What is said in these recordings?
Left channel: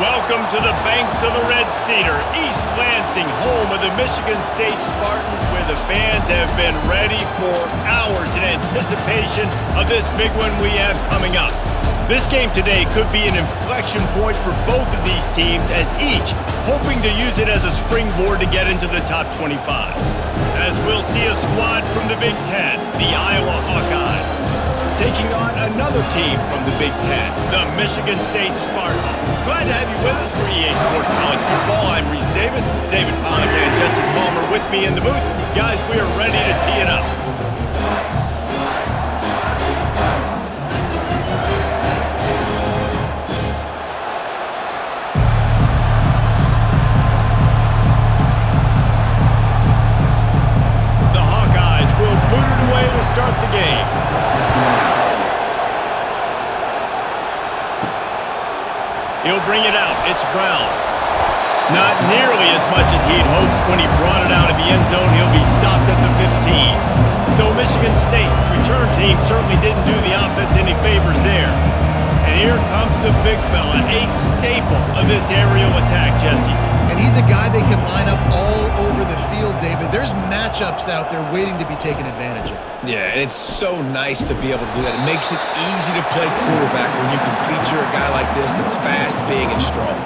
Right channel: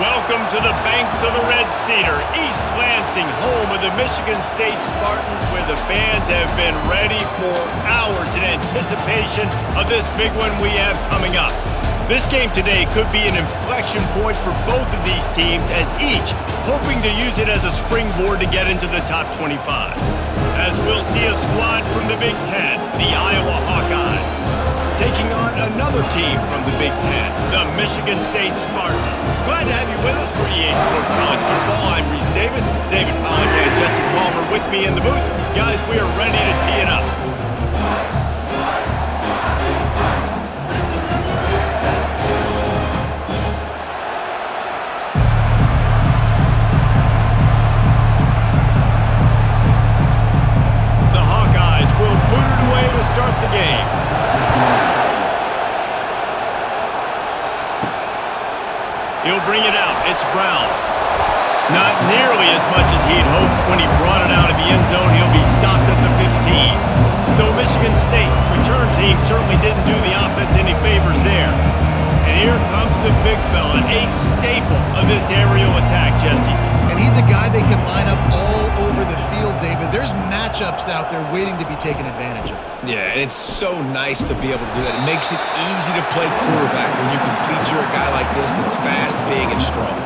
Welcome to the banks of the Red Cedar, East Lansing, home of the Michigan State Spartans, where the fans have been ready for hours in anticipation of this big one we have coming up. This game today could be an inflection point for both of these teams, as each hoping to use it as a springboard to get into the top 25. As we'll see a squad from the Big Ten, the Iowa Hawkeyes, taking on another team from the Big Ten, the Michigan State Spartans. Glad to have you with us for EA Sports College Football. I'm Reese Davis, David Pollack and Jesse Palmer with me in the booth. Guys, we are ready to tee it up. The Hawkeyes will boot it away to start the game. He'll bring it out. It's Brown. Not nearly as much as he'd hoped when he brought it out of the end zone. He'll be stopped at the 15. So Michigan State's return team certainly didn't do the offense any favors there. And here comes the big fella, a staple of this aerial attack, Jesse. And he's a guy they can line up all over the field, David. There's matchups out there waiting to be taken advantage of. Yeah, and it's so nice to be able to do that. It makes it easy to play quarterback when you can feature a guy like this that's fast, big, and strong.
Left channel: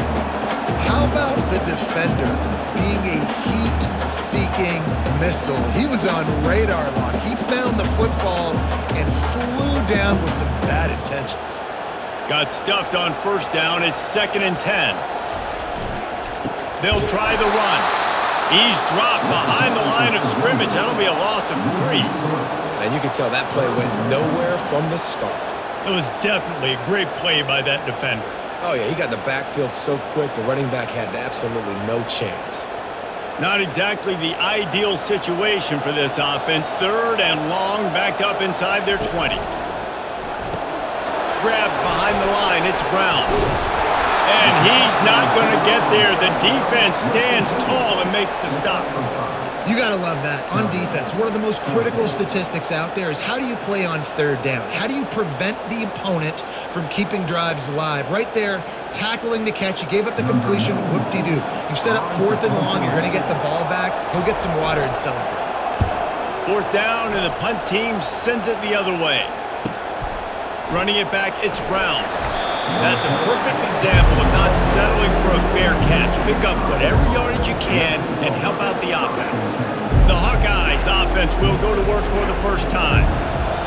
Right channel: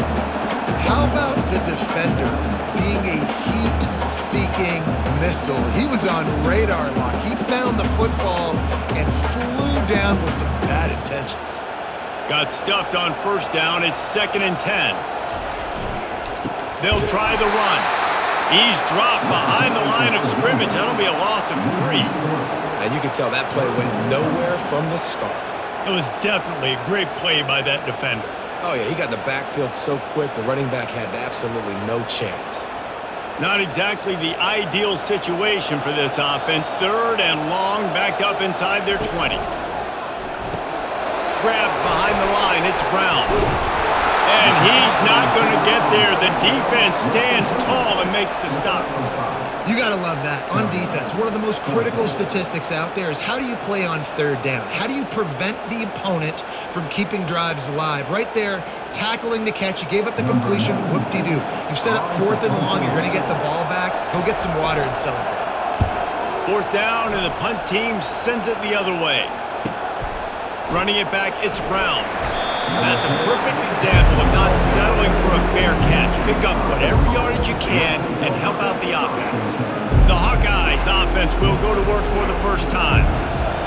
How about the defender being a heat-seeking missile? He was on radar lock. He found the football and flew down with some bad intentions. Got stuffed on first down. It's 2nd and 10. They'll try the run. He's dropped behind the line of scrimmage. That'll be a loss of 3. And you can tell that play went nowhere from the start. It was definitely a great play by that defender. Oh, yeah, he got in the backfield so quick, the running back had absolutely no chance. Not exactly the ideal situation for this offense. 3rd and long, backed up inside their 20. Grabbed behind the line. It's Brown. And he's not going to get there. The defense stands tall and makes the stop. You got to love that. On defense, one of the most critical statistics out there is how do you play on 3rd down? How do you prevent the opponent from keeping drives alive? Right there, tackling the catch. You gave up the completion. Whoop-de-doo. You've set up 4th and long. You're going to get the ball back. Go get some water and celebrate. 4th down, and the punt team sends it the other way. Running it back, it's Brown. That's a perfect example of not settling for a fair catch. Pick up whatever yardage you can and help out the offense. The Hawkeyes offense will go to work for the first time.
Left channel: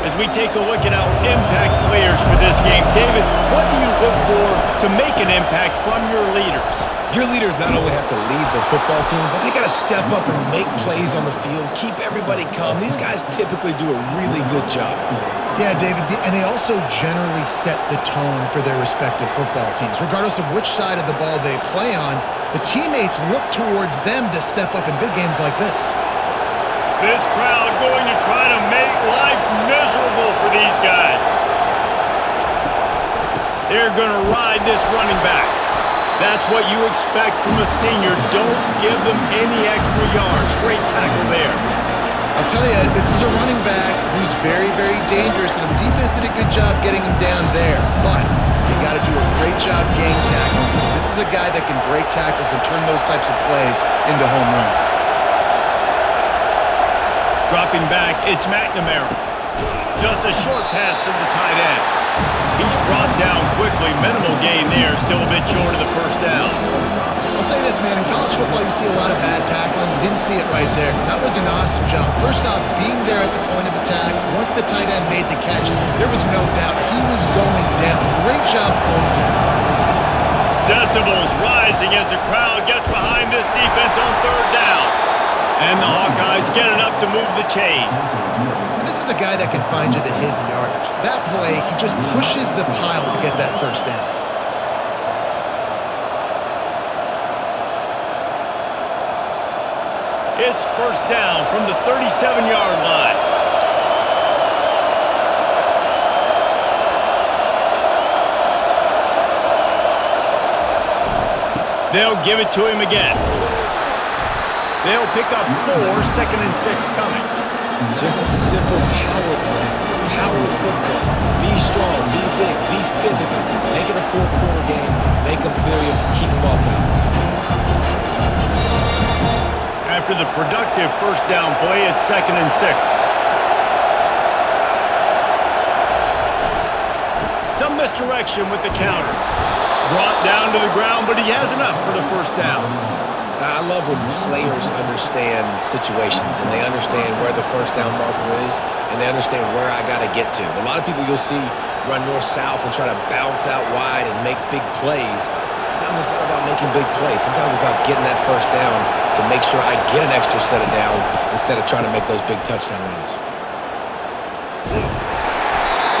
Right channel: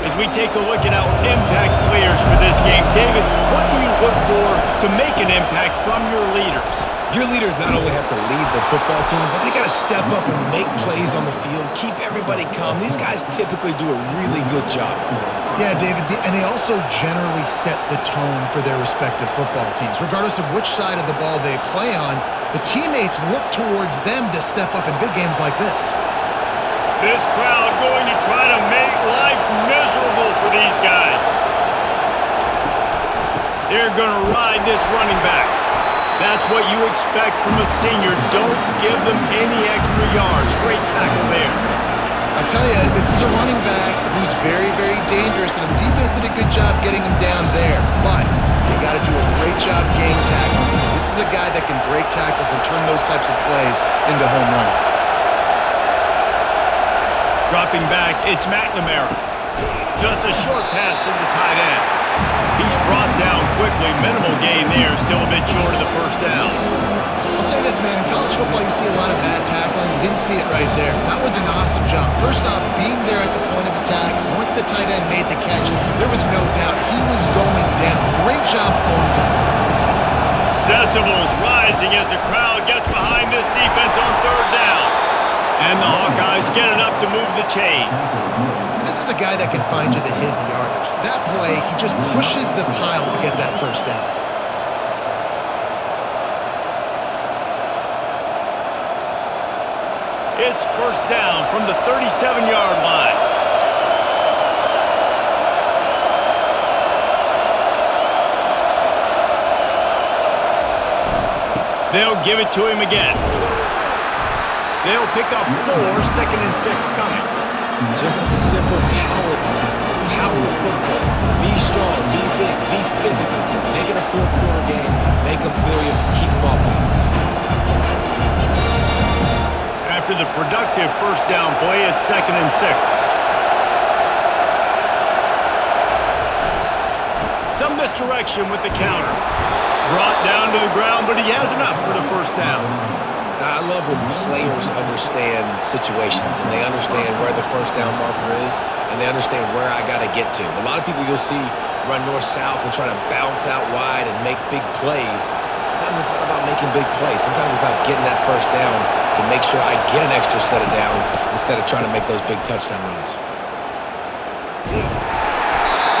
As we take a look at our impact players for this game, David, what do you look for to make an impact from your leaders? Your leaders not only have to lead the football team, but they got to step up and make plays on the field, keep everybody calm. These guys typically do a really good job of it. Yeah, David, and they also generally set the tone for their respective football teams. Regardless of which side of the ball they play on, the teammates look towards them to step up in big games like this. This crowd going to try to make life miserable for these guys. They're going to ride this running back. That's what you expect from a senior. Don't give them any extra yards. Great tackle there. I'll tell you, this is a running back who's very, very dangerous, and the defense did a good job getting him down there. But they got to do a great job gang tackling, because this is a guy that can break tackles and turn those types of plays into home runs. Dropping back, it's McNamara. Just a short pass to the tight end. He's brought down quickly. Minimal gain there, still a bit short of the first down. I'll say this, man. In college football, you see a lot of bad tackling. You didn't see it right there. That was an awesome job. First off, being there at the point of attack. Once the tight end made the catch, there was no doubt he was going down. Great job form tackle. Decibels rising as the crowd gets behind this defense on 3rd down. And the Hawkeyes get enough to move the chains. And this is a guy that can find you the hidden yardage. That play, he just pushes the pile to get that first down. It's 1st down from the 37-yard line. They'll give it to him again. They'll pick up 4, 2nd and 6 coming. Just a simple power play, power football. Be strong, be big, be physical. Make it a fourth quarter game. make them feel you, keep them off balance. After the productive first down play, it's 2nd and 6. Some misdirection with the counter. Brought down to the ground, but he has enough for the first down. I love when players understand situations and they understand where the first down marker is and they understand where I got to get to. A lot of people you'll see run north-south and try to bounce out wide and make big plays. Sometimes it's not about making big plays. Sometimes it's about getting that first down to make sure I get an extra set of downs instead of trying to make those big touchdown runs.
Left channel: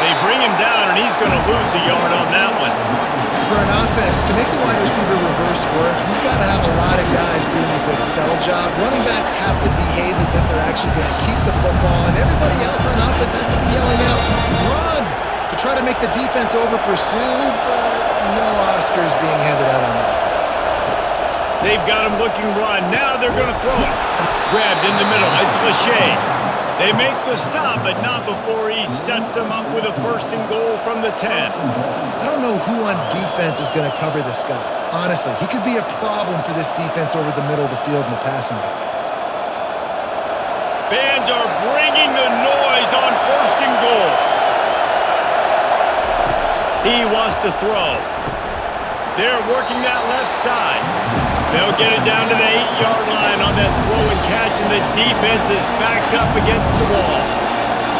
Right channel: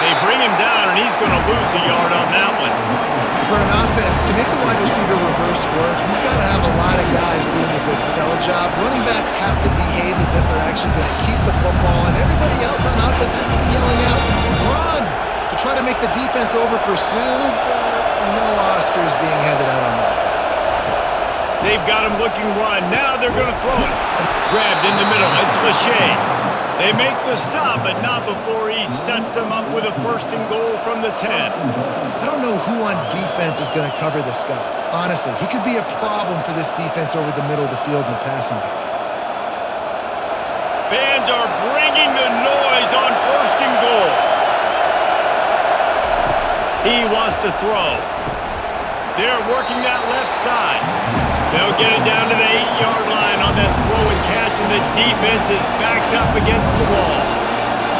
They bring him down, and he's going to lose a yard on that one. For an offense, to make the wide receiver reverse work, you've got to have a lot of guys doing a good sell job. Running backs have to behave as if they're actually going to keep the football, and everybody else on offense has to be yelling out, run, to try to make the defense over-pursue, but no Oscars being handed out on that. They've got him looking run. Now they're going to throw it. Grabbed in the middle. It's Lachey. They make the stop, but not before he sets them up with a 1st and goal from the 10. I don't know who on defense is going to cover this guy. Honestly, he could be a problem for this defense over the middle of the field in the passing game. Fans are bringing the noise on 1st and goal. He wants to throw. They're working that left side. They'll get it down to the 8-yard line on that throw and catch, and the defense is backed up against the wall.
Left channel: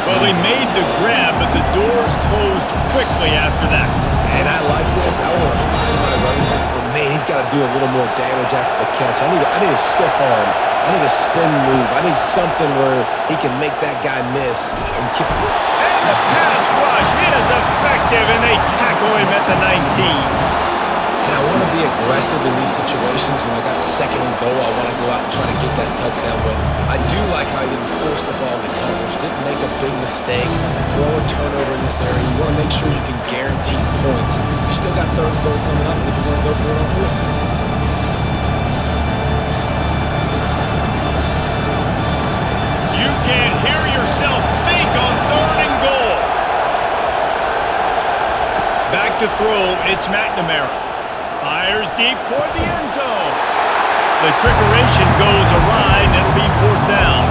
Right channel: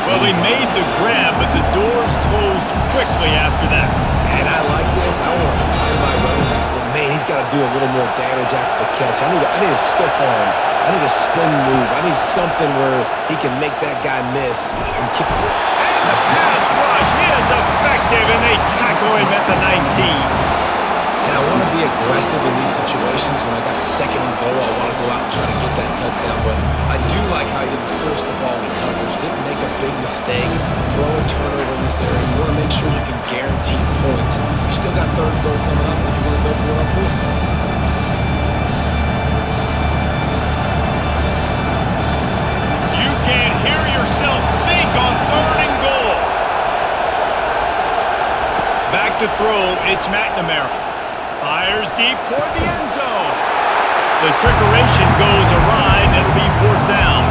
Well, he made the grab, but the doors closed quickly after that. And I like this. I want to find my running back, but man, he's got to do a little more damage after the catch. I need a stiff arm. I need a spin move. I need something where he can make that guy miss and kick it. And the pass rush is effective, and they tackle him at the 19. And I want to be aggressive in these situations. When I got 2nd and goal, I want to go out and try to get that touchdown. But I do like how he didn't force the ball into coverage, didn't make a big mistake, throw a turnover in this area. You want to make sure you can guarantee points. You still got 3rd and goal coming up, and if you want to go for it on 4th. You can hear yourself think on 3rd and goal. Back to throw, it's McNamara. Fires deep toward the end zone. The trickeration goes awry, and it'll be 4th down.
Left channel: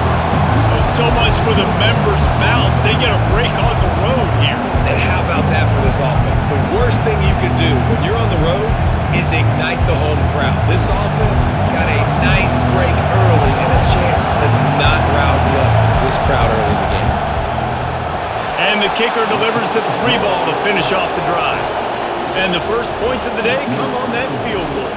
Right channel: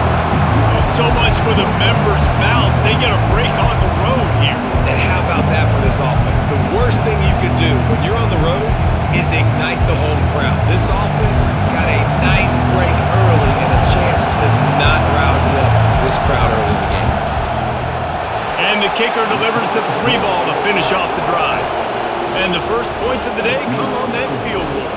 Well, so much for the members' bounce. They get a break on the road here. And how about that for this offense? The worst thing you could do when you're on the road is ignite the home crowd. This offense got a nice break early and a chance to not rousey up this crowd early in the game. And the kicker delivers the 3 ball to finish off the drive. And the first points of the day come on that field goal.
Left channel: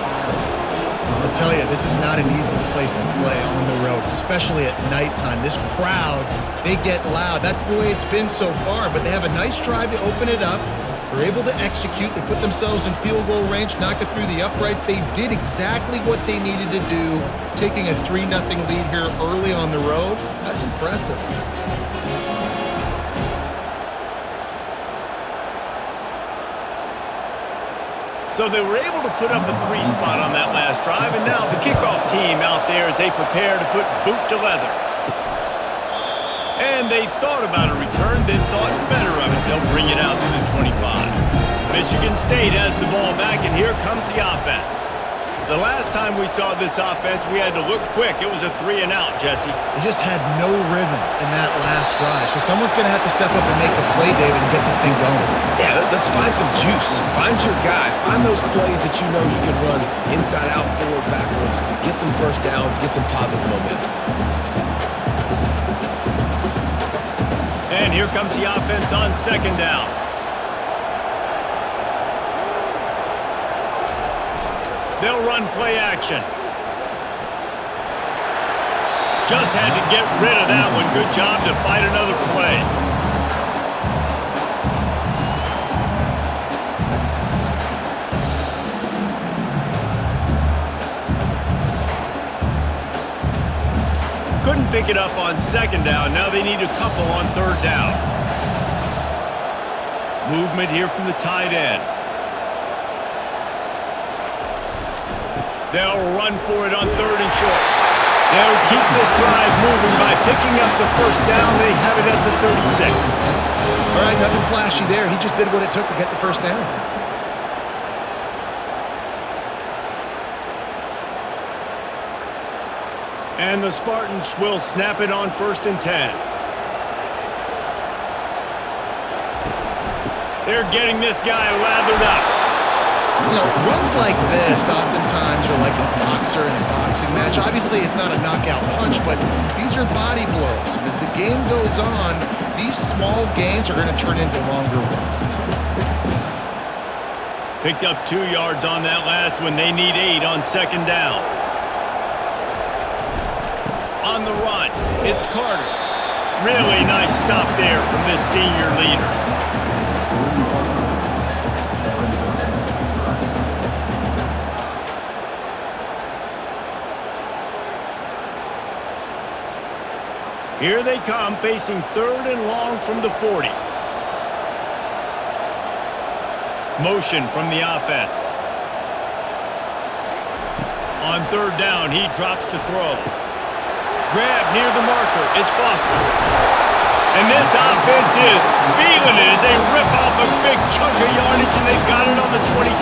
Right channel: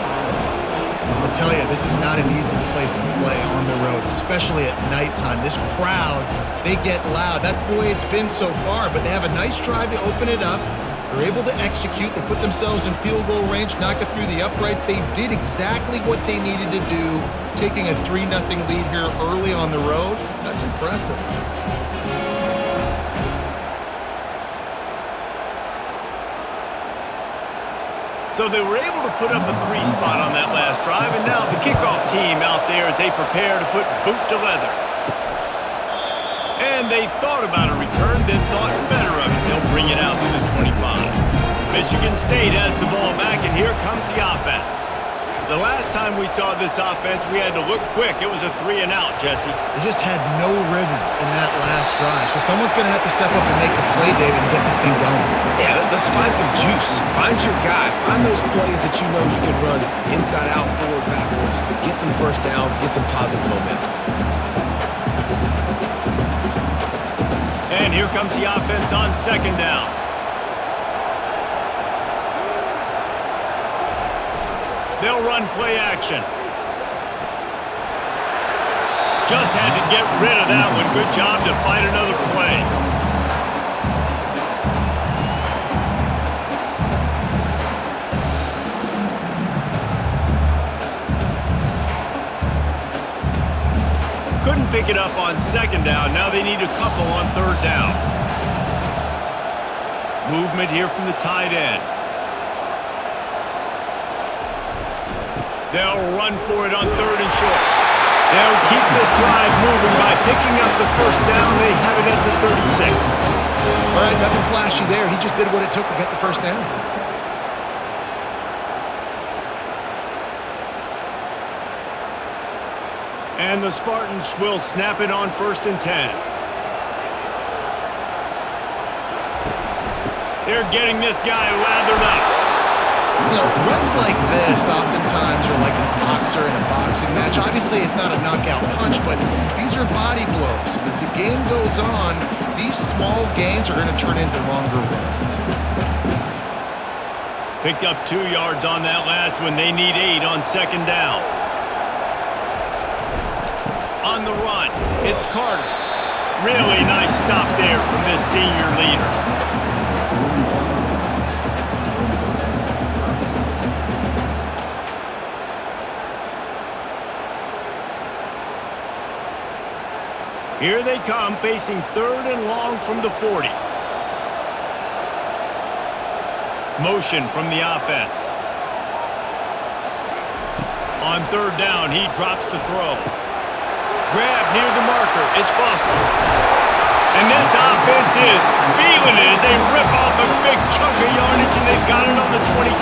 I'll tell you, this is not an easy place to play on the road, especially at nighttime. This crowd, they get loud. That's the way it's been so far, but they have a nice drive to open it up. They're able to execute. They put themselves in field goal range, knock it through the uprights. They did exactly what they needed to do, taking a 3-0 lead here early on the road. That's impressive. So they were able to put up a 3 spot on that last drive, and now the kickoff team out there as they prepare to put boot to leather. And they thought about a return, then thought better of it. They'll bring it out to the 25. Michigan State has the ball back, and here comes the offense. The last time we saw this offense, we had to look quick. It was a 3-and-out, Jesse. They just had no rhythm in that last drive. So someone's going to have to step up and make a play, David, and get this thing going. Yeah, let's find some juice. Find your guy. Find those plays that you know you can run inside out, forward, backwards. Get some first downs. Get some positive momentum. And here comes the offense on 2nd down. They'll run play action. Just had to get rid of that one. Good job to fight another play. Couldn't pick it up on 2nd down. Now they need a couple on 3rd down. Movement here from the tight end. They'll run for it on 3rd and short. They'll keep this drive moving by picking up the first down. They have it at the 36. All right, nothing flashy there. He just did what it took to get the first down. And the Spartans will snap it on 1st and 10. They're getting this guy lathered up. You know, runs like this oftentimes are like a boxer in a boxing match. Obviously, it's not a knockout punch, but these are body blows. And as the game goes on, these small gains are going to turn into longer runs. Picked up 2 yards on that last one. They need 8 on 2nd down. On the run, it's Carter. Really nice stop there from this senior leader. Here they come, facing 3rd and long from the 40. Motion from the offense. On 3rd down, he drops to throw. Grab near the marker. It's Foster. And this offense is feeling it as they rip off a big chunk of yardage, and they've got it on the 22.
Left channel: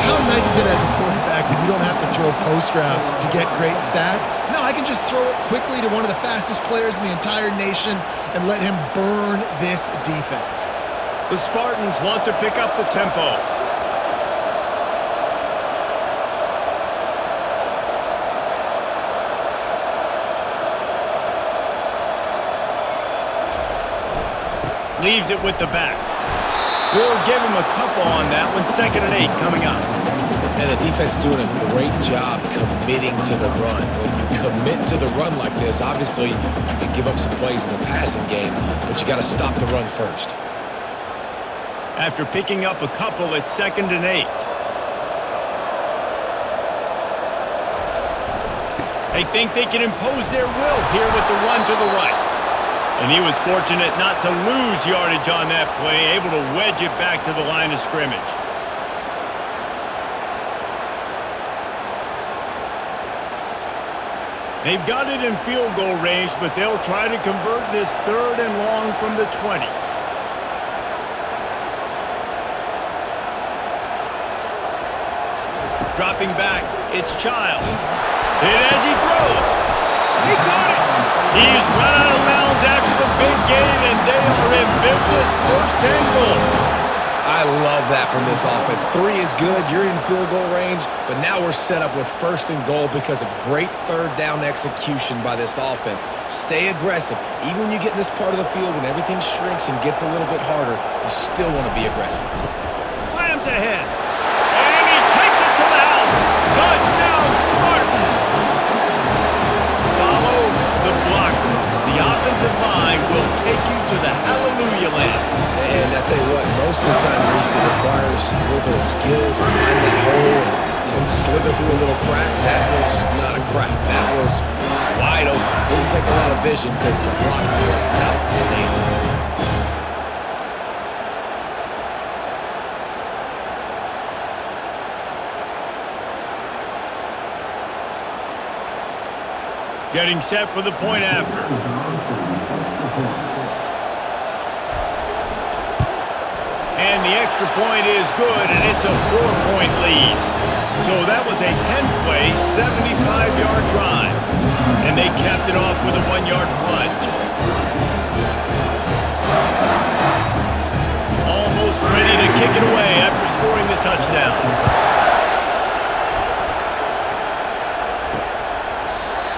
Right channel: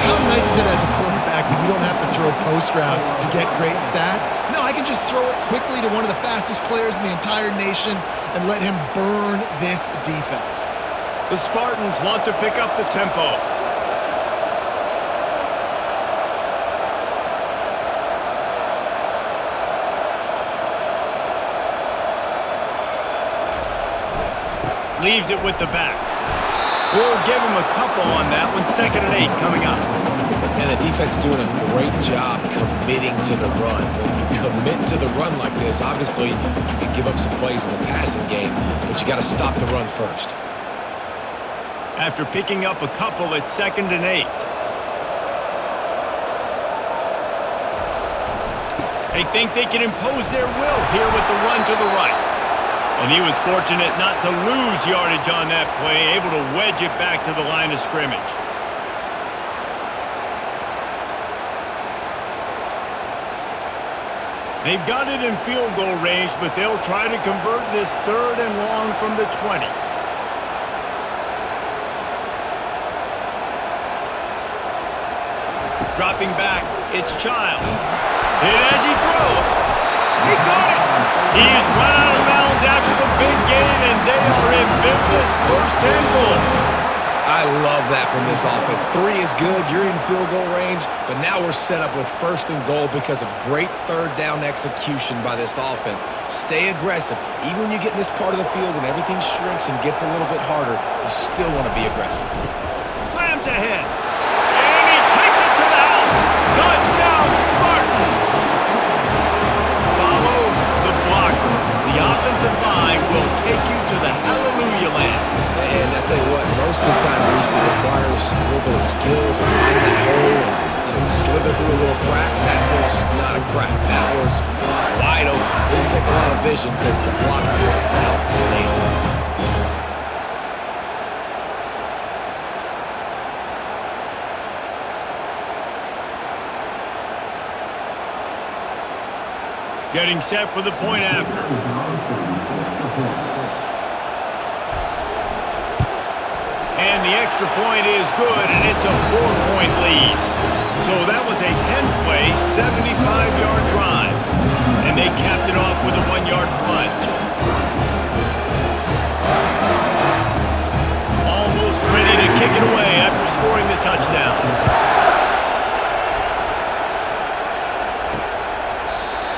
How nice is it as a quarterback when you don't have to throw post routes to get great stats? No, I can just throw it quickly to one of the fastest players in the entire nation and let him burn this defense. The Spartans want to pick up the tempo. Leaves it with the back. We'll give him a couple on that one. 2nd and 8 coming up. And the defense doing a great job committing to the run. When you commit to the run like this, obviously you can give up some plays in the passing game, but you got to stop the run first. After picking up a couple, it's 2nd and 8. They think they can impose their will here with the run to the right. And he was fortunate not to lose yardage on that play, able to wedge it back to the line of scrimmage. They've got it in field goal range, but they'll try to convert this 3rd and long from the 20. Dropping back, it's Childs. Hit as he throws. He caught it. He's run out of bounds after the big gain, and they are in business. 1st and goal. I love that from this offense. 3 is good. You're in field goal range, but now we're set up with 1st and goal because of great 3rd down execution by this offense. Stay aggressive. Even when you get in this part of the field, when everything shrinks and gets a little bit harder, you still want to be aggressive. Slams ahead. And he takes it to the house. Touchdown, Spartans. Follow the blockers. The offensive line will take you to the hallelujah land. And I tell you what, most of the time, Reese, it requires a little bit of skill to find that hole and slither through a little crack. That was not a crack. That was wide open. Didn't take a lot of vision because the blocking was outstanding. Getting set for the point after. And the extra point is good, and it's a 4-point lead. So that was a 10-play, 75-yard drive. And they capped it off with a 1-yard plunge. Almost ready to kick it away after scoring the touchdown.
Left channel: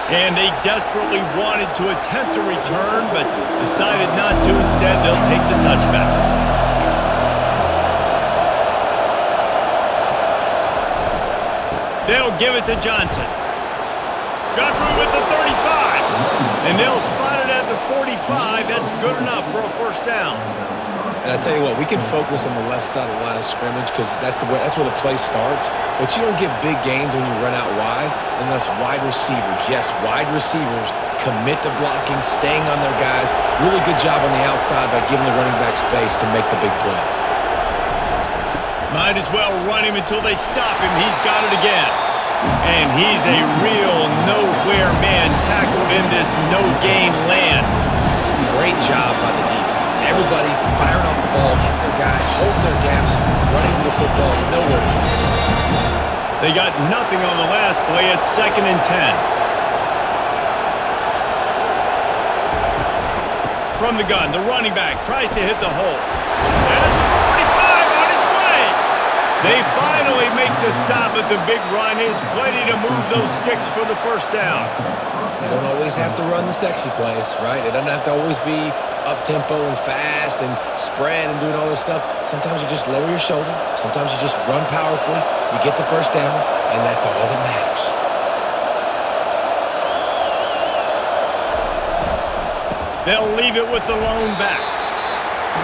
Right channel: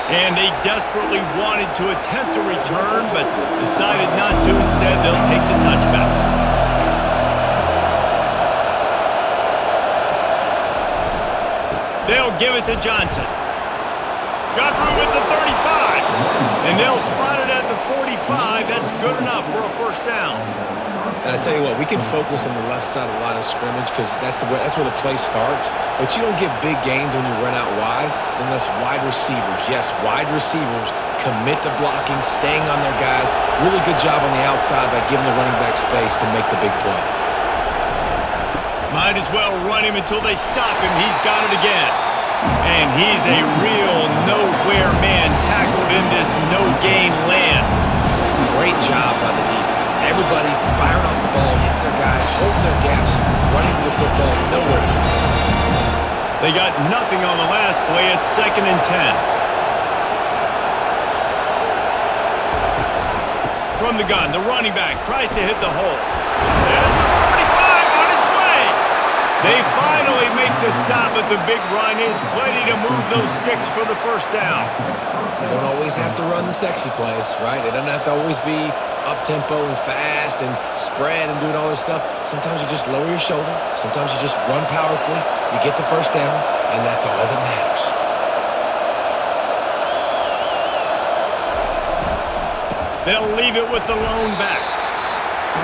And they desperately wanted to attempt a return, but decided not to. Instead, they'll take the touchback. They'll give it to Johnson. Got room at the 35. And they'll spot it at the 45. That's good enough for a 1st down. And I tell you what, we can focus on the left side of the line of scrimmage because that's where the play starts. But you don't get big gains when you run out wide unless wide receivers, yes, wide receivers, commit to blocking, staying on their guys. Really good job on the outside by giving the running back space to make the big play. Might as well run him until they stop him. He's got it again. And he's a real nowhere man tackled in this no-gain land. Great job by the defense. Everybody firing off the ball, hitting their guys, holding their gaps, running to the football, nowhere to go. They got nothing on the last play. It's 2nd and 10. from the gun. The running back tries to hit the hole. At the 45 on its way. They finally make the stop, but the big run is plenty to move those sticks for the first down. You don't always have to run the sexy plays, right? It doesn't have to always be up-tempo and fast and spread and doing all this stuff. Sometimes you just lower your shoulder. Sometimes you just run powerfully. You get the first down, and that's all that matters. They'll leave it with the lone back.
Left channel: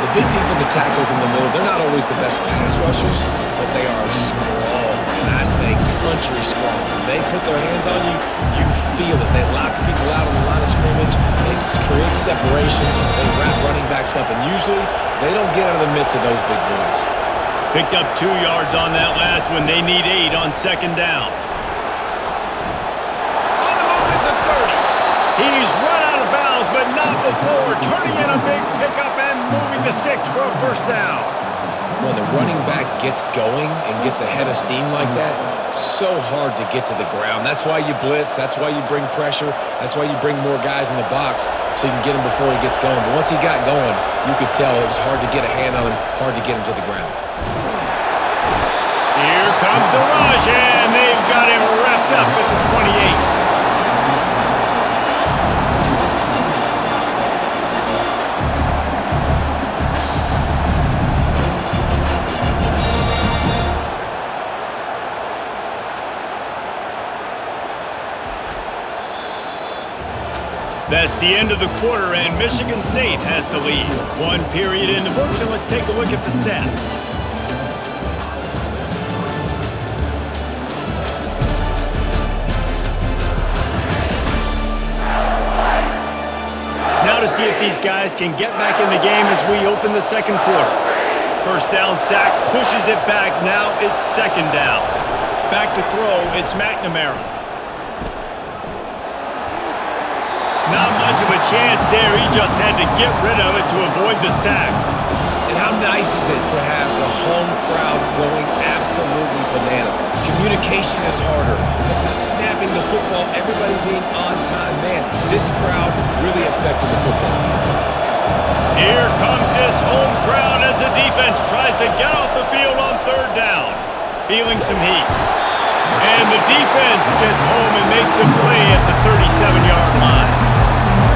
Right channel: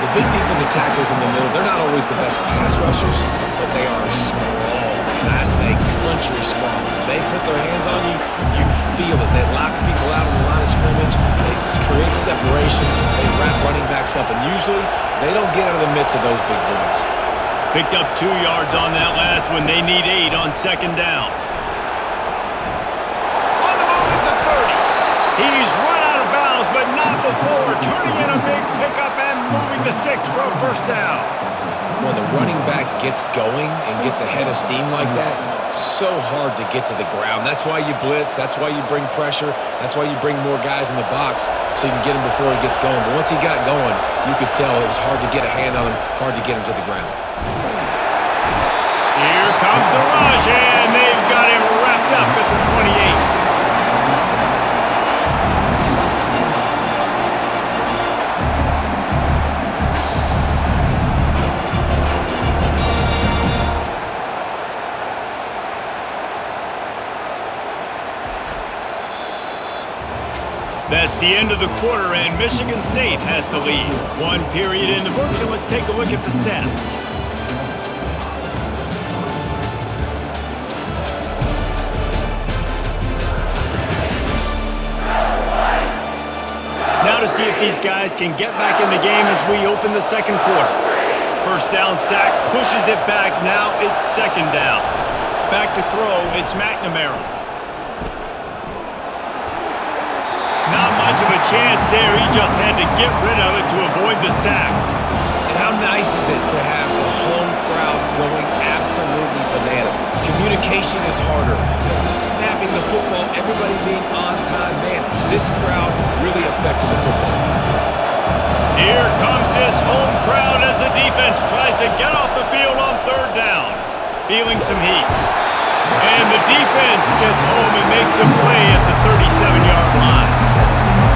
The big defensive tackles in the middle, they're not always the best pass rushers, but they are strong, and I say country strong. They put their hands on you, you feel it. They lock people out on the line of scrimmage. They create separation. They wrap running backs up, and usually they don't get out of the midst of those big boys. Picked up 2 yards on that last one. They need 8 on second down. On the move at the 30. He's run out of bounds, but not before turning in a big pickup and moving the sticks for a first down. When the running back gets going and gets ahead of steam like that, so hard to get to the ground. That's why you blitz. That's why you bring pressure. That's why you bring more guys in the box so you can get him before he gets going. But once he got going, you could tell it was hard to get a hand on him, hard to get him to the ground. Here comes the rush, and they've got him wrapped up at the 28. That's the end of the quarter, and Michigan State has the lead. 1 period in the books, and let's take a look at the stats. Now to see if these guys can get back in the game as we open the second quarter. First down sack, pushes it back. Now it's second down. Back to throw, it's McNamara. Not much of a chance there. He just had to get rid of it to avoid the sack. And how nice is it to have the home crowd going absolutely bananas? Communication is harder. The snapping the football, everybody being on time. Man, this crowd really affected the football game. Here comes this home crowd as the defense tries to get off the field on third down. Feeling some heat. And the defense gets home and makes a play at the 37-yard line.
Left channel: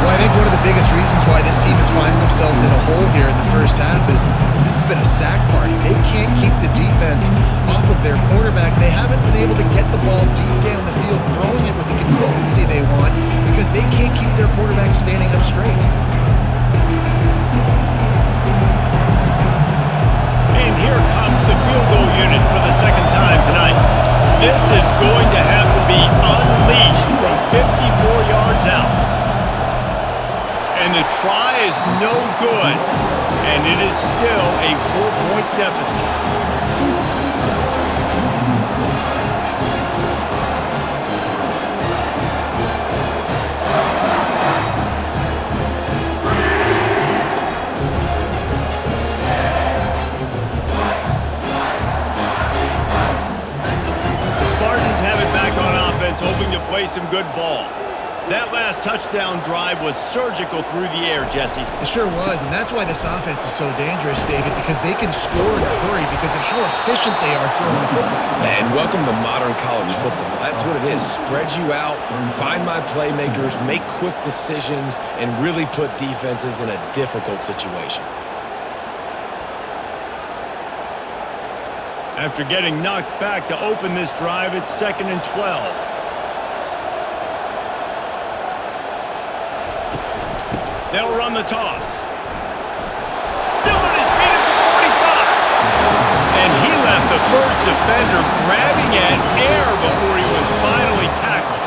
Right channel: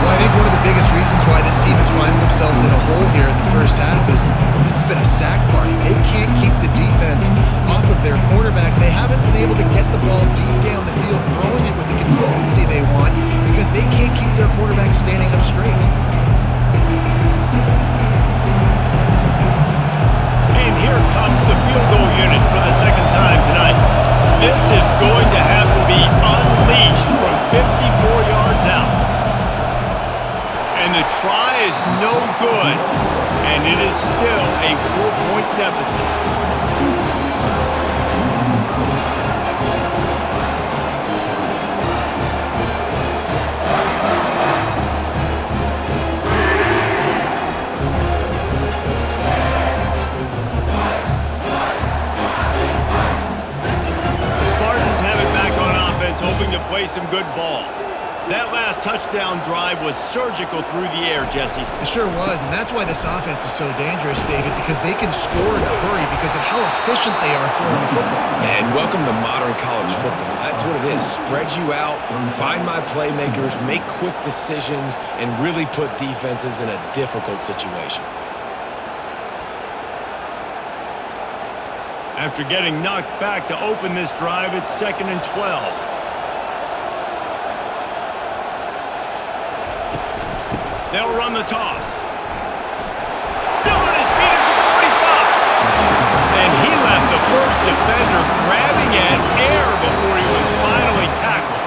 Well, I think one of the biggest reasons why this team is finding themselves in a hole here in the first half is this has been a sack party. They can't keep the defense off of their quarterback. They haven't been able to get the ball deep down the field, throwing it with the consistency they want because they can't keep their quarterback standing up straight. And here comes the field goal unit for the second time tonight. This is going to have to be unleashed from 54 yards out. And the try is no good. And it is still a 4-point deficit. The Spartans have it back on offense, hoping to play some good ball. That last touchdown drive was surgical through the air, Jesse. It sure was, and that's why this offense is so dangerous, David, because they can score in a hurry because of how efficient they are throwing the football. And welcome to modern college football. That's what it is. Spread you out, find my playmakers, make quick decisions, and really put defenses in a difficult situation. After getting knocked back to open this drive, it's 2nd and 12. They'll run the toss. Still on his feet at the 45. And he left the first defender grabbing at air before he was finally tackled.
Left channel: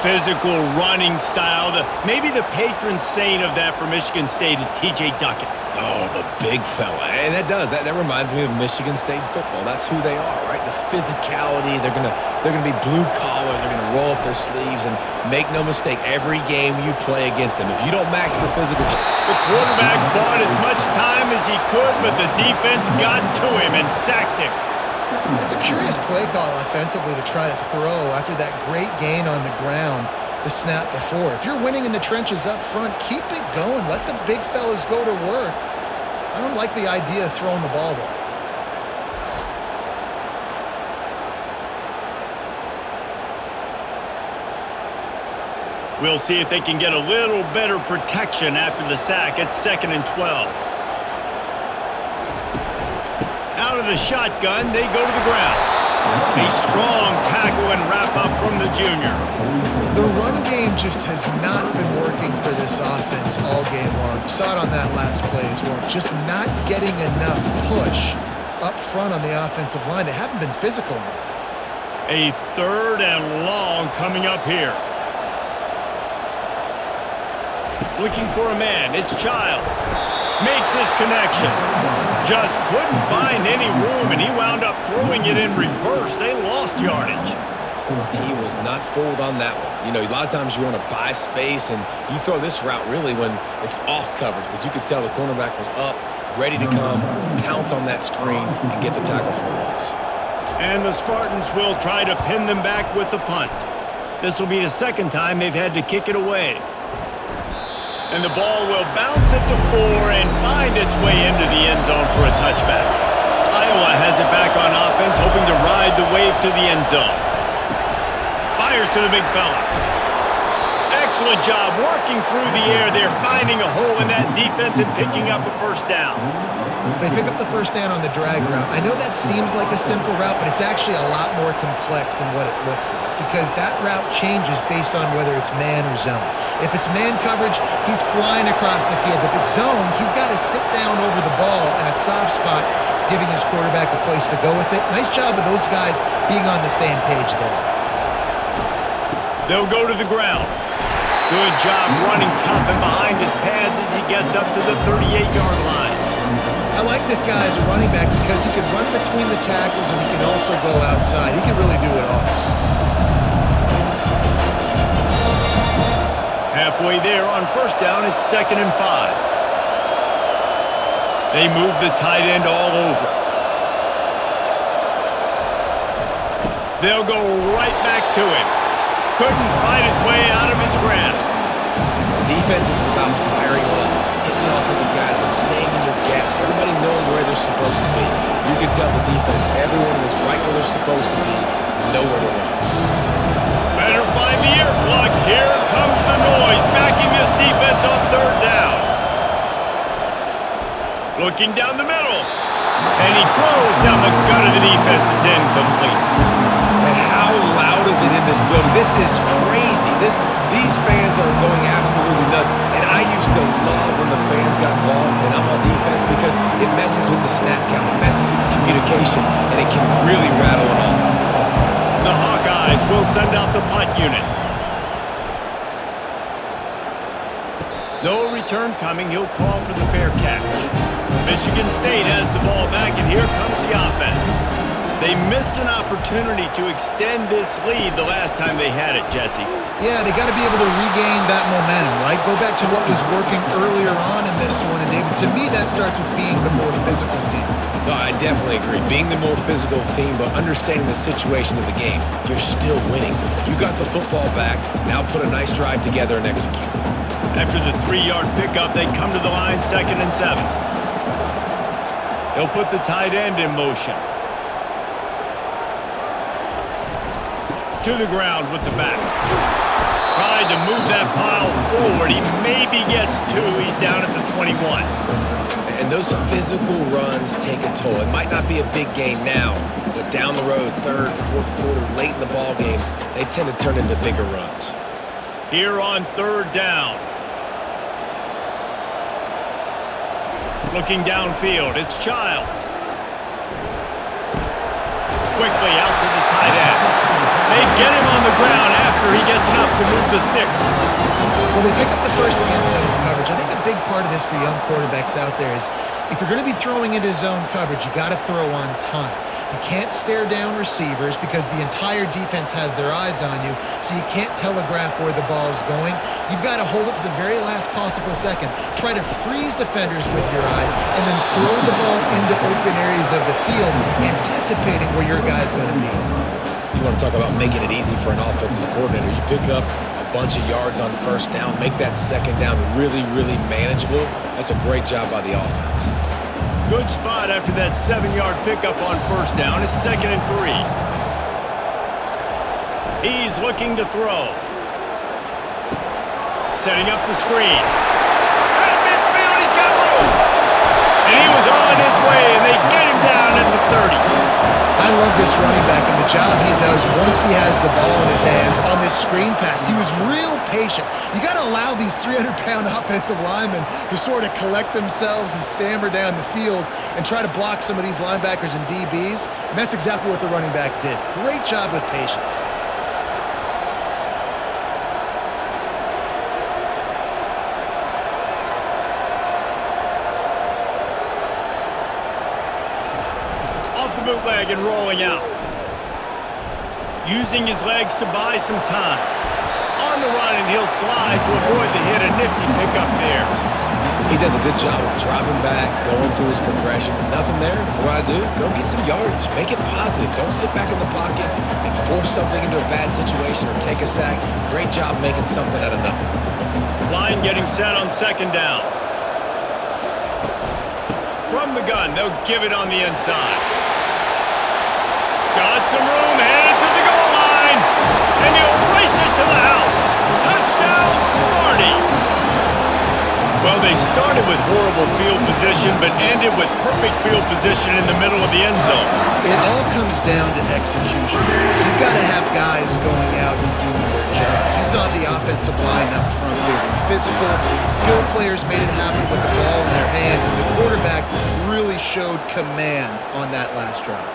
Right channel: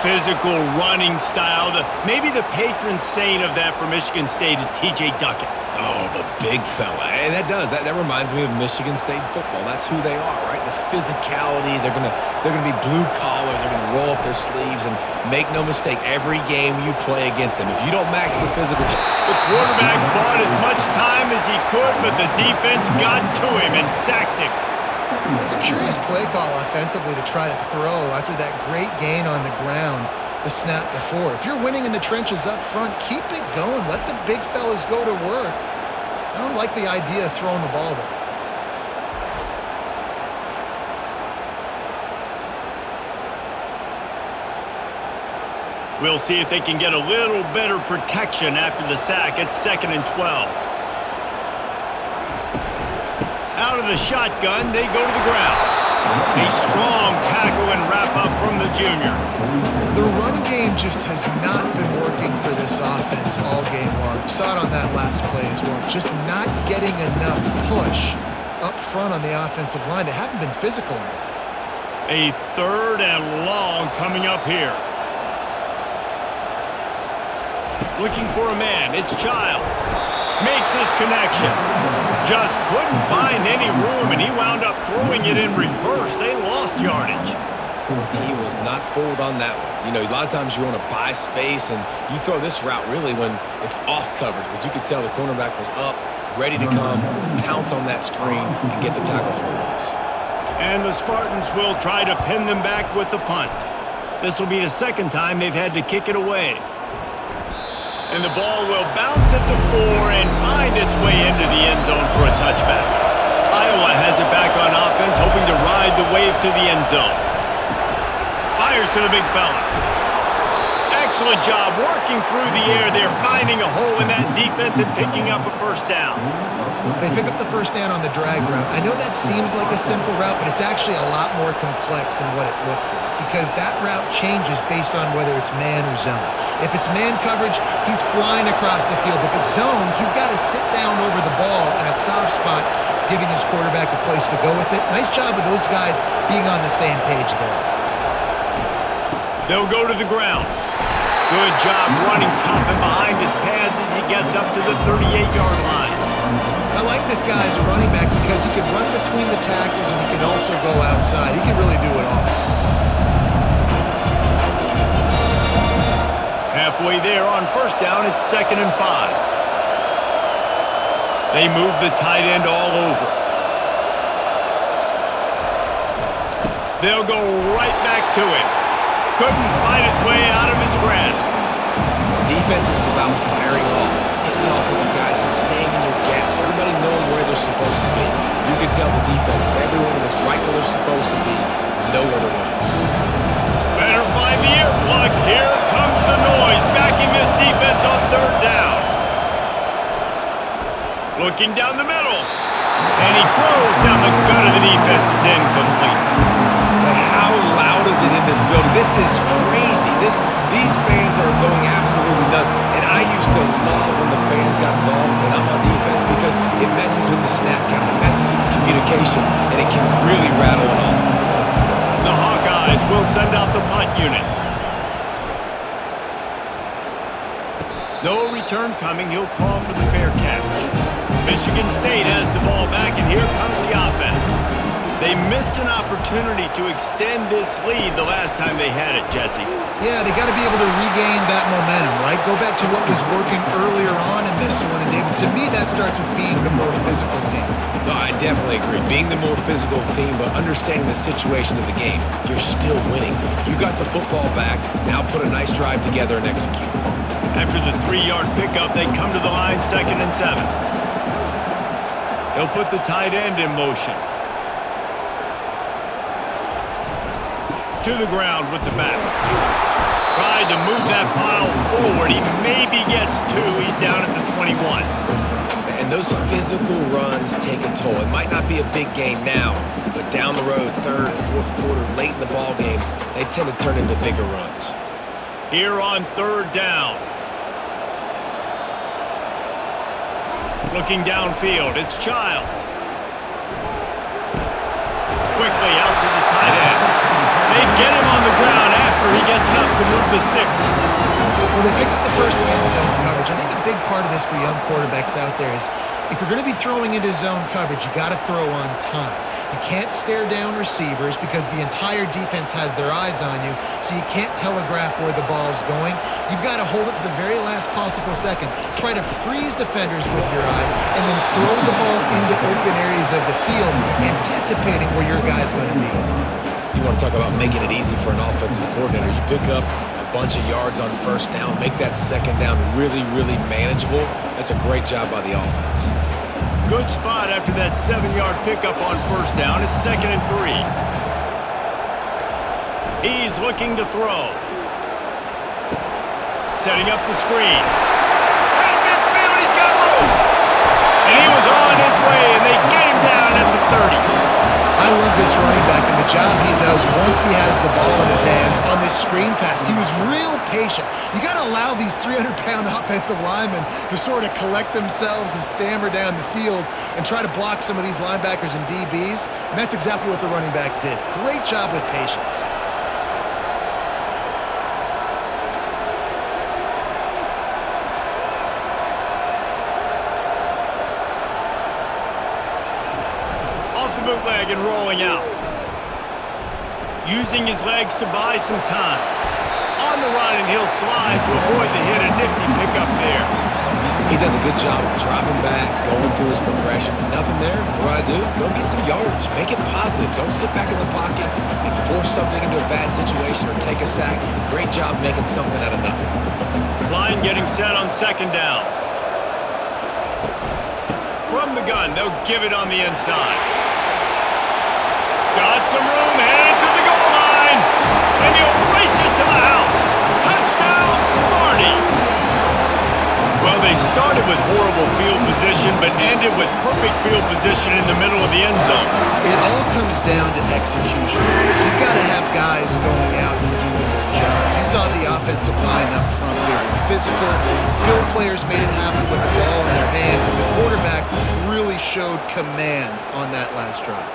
Physical running style. Maybe the patron saint of that for Michigan State is T.J. Duckett. Oh, the big fella. And that reminds me of Michigan State football. That's who they are, right? The physicality. They're gonna be blue collar. They're gonna roll up their sleeves, and make no mistake, every game you play against them, if you don't match the physical, the quarterback bought as much time as he could, but the defense got to him and sacked him. It's a curious play call offensively to try to throw after that great gain on the ground. the snap before. If you're winning in the trenches up front, keep it going. Let the big fellas go to work. I don't like the idea of throwing the ball there. We'll see if they can get a little better protection after the sack. It's 2nd and 12. Out of the shotgun, they go to the ground. A strong tackle and wrap up from the junior. The run game just has not been working for this offense all game long. You saw it on that last play as well. Just not getting enough push up front on the offensive line. They haven't been physical enough. A 3rd and long coming up here. Looking for a man. It's Childs. Makes his connection. Just couldn't find any room, and he wound up throwing it in reverse. They lost yardage. He was not fooled on that one. You know, a lot of times you want to buy space, and you throw this route really when it's off coverage. But you could tell the cornerback was up, ready to come, pounce on that screen, and get the tackle for a loss. And the Spartans will try to pin them back with the punt. This will be the 2nd time they've had to kick it away. And the ball will bounce at the 4 and find its way into the end zone for a touchback. Iowa has it back on offense, hoping to ride the wave to the end zone. Fires to the big fella. Excellent job working through the air. They're finding a hole in that defense and picking up a 1st down. They pick up the 1st down on the drag route. I know that seems like a simple route, but it's actually a lot more complex than what it looks like because that route changes based on whether it's man or zone. If it's man coverage, he's flying across the field. If it's zone, he's got to sit down over the ball in a soft spot, giving his quarterback a place to go with it. Nice job of those guys being on the same page there. They'll go to the ground. Good job running tough and behind his pads as he gets up to the 38-yard line. I like this guy as a running back because he can run between the tackles and he can also go outside. He can really do it all. Halfway there on 1st down, it's 2nd and 5. They move the tight end all over. They'll go right back to him. Couldn't fight his way out of his grasp. Defense is about firing off, hitting the offensive guys, and staying in your gaps. Everybody knowing where they're supposed to be. You can tell the defense, everyone was right where they're supposed to be, nowhere to run. Better find the earplugs. Here comes the noise, backing this defense on 3rd down. Looking down the middle, and he throws down the gut of the defense. It's incomplete. And how loud is it in this building? This is crazy. These fans are going absolutely nuts. And I used to love when the fans got involved and I'm on defense because it messes with the snap count, it messes with the communication, and it can really rattle an offense. The Hawkeyes will send out the punt unit. No return coming. He'll call for the fair catch. Michigan State has the ball back, and here comes the offense. They missed an opportunity to extend this lead the last time they had it, Jesse. Yeah, they got to be able to regain that momentum, right? Go back to what was working earlier on in this one. And David, to me, that starts with being the more physical team. No, I definitely agree. Being the more physical team, but understanding the situation of the game. You're still winning. You got the football back. Now put a nice drive together and execute. After the 3-yard pickup, they come to the line, 2nd and 7. They'll put the tight end in motion. To the ground with the back. Tried to move that pile forward. He maybe gets 2. He's down at the 21. And those physical runs take a toll. It might not be a big game now, but down the road, 3rd, 4th quarter, late in the ball games, they tend to turn into bigger runs. Here on 3rd down. Looking downfield, it's Childs. Quickly out to the tight end. They get him on the ground after he gets enough to move the sticks. Well, they pick up the first against zone coverage. I think a big part of this for young quarterbacks out there is if you're going to be throwing into zone coverage, you got to throw on time. You can't stare down receivers because the entire defense has their eyes on you, so you can't telegraph where the ball's going. You've got to hold it to the very last possible second. Try to freeze defenders with your eyes and then throw the ball into open areas of the field, anticipating where your guy's going to be. You want to talk about making it easy for an offensive coordinator. You pick up a bunch of yards on first down, make that second down really, really manageable. That's a great job by the offense. Good spot after that 7-yard pickup on first down. It's 2nd and 3. He's looking to throw. Setting up the screen. At midfield, he's got room. And he was on his way, and they get him down at the 30. I love this running back and the job he does once he has the ball in his hands on this screen pass. He was real patient. You got to allow these 300-pound offensive linemen to sort of collect themselves and stammer down the field and try to block some of these linebackers and DBs, and that's exactly what the running back did. Great job with patience. Off the bootleg and rolling out. Using his legs to buy some time. On the run, and he'll slide to avoid the hit. A nifty pickup there. He does a good job of dropping back, going through his progressions. Nothing there. What do? Go get some yardage. Make it positive. Don't sit back in the pocket and force something into a bad situation or take a sack. Great job making something out of nothing. Line getting set on 2nd down. From the gun, they'll give it on the inside. Got some room, headed to the goal line, and he'll race it to the house. Touchdown, Sparty! Well, they started with horrible field position, but ended with perfect field position in the middle of the end zone. It all comes down to execution. So you've got to have guys going out and doing their jobs. You saw the offensive line up front. They were physical. Skilled players made it happen with the ball in their hands, and the quarterback really showed command on that last drive.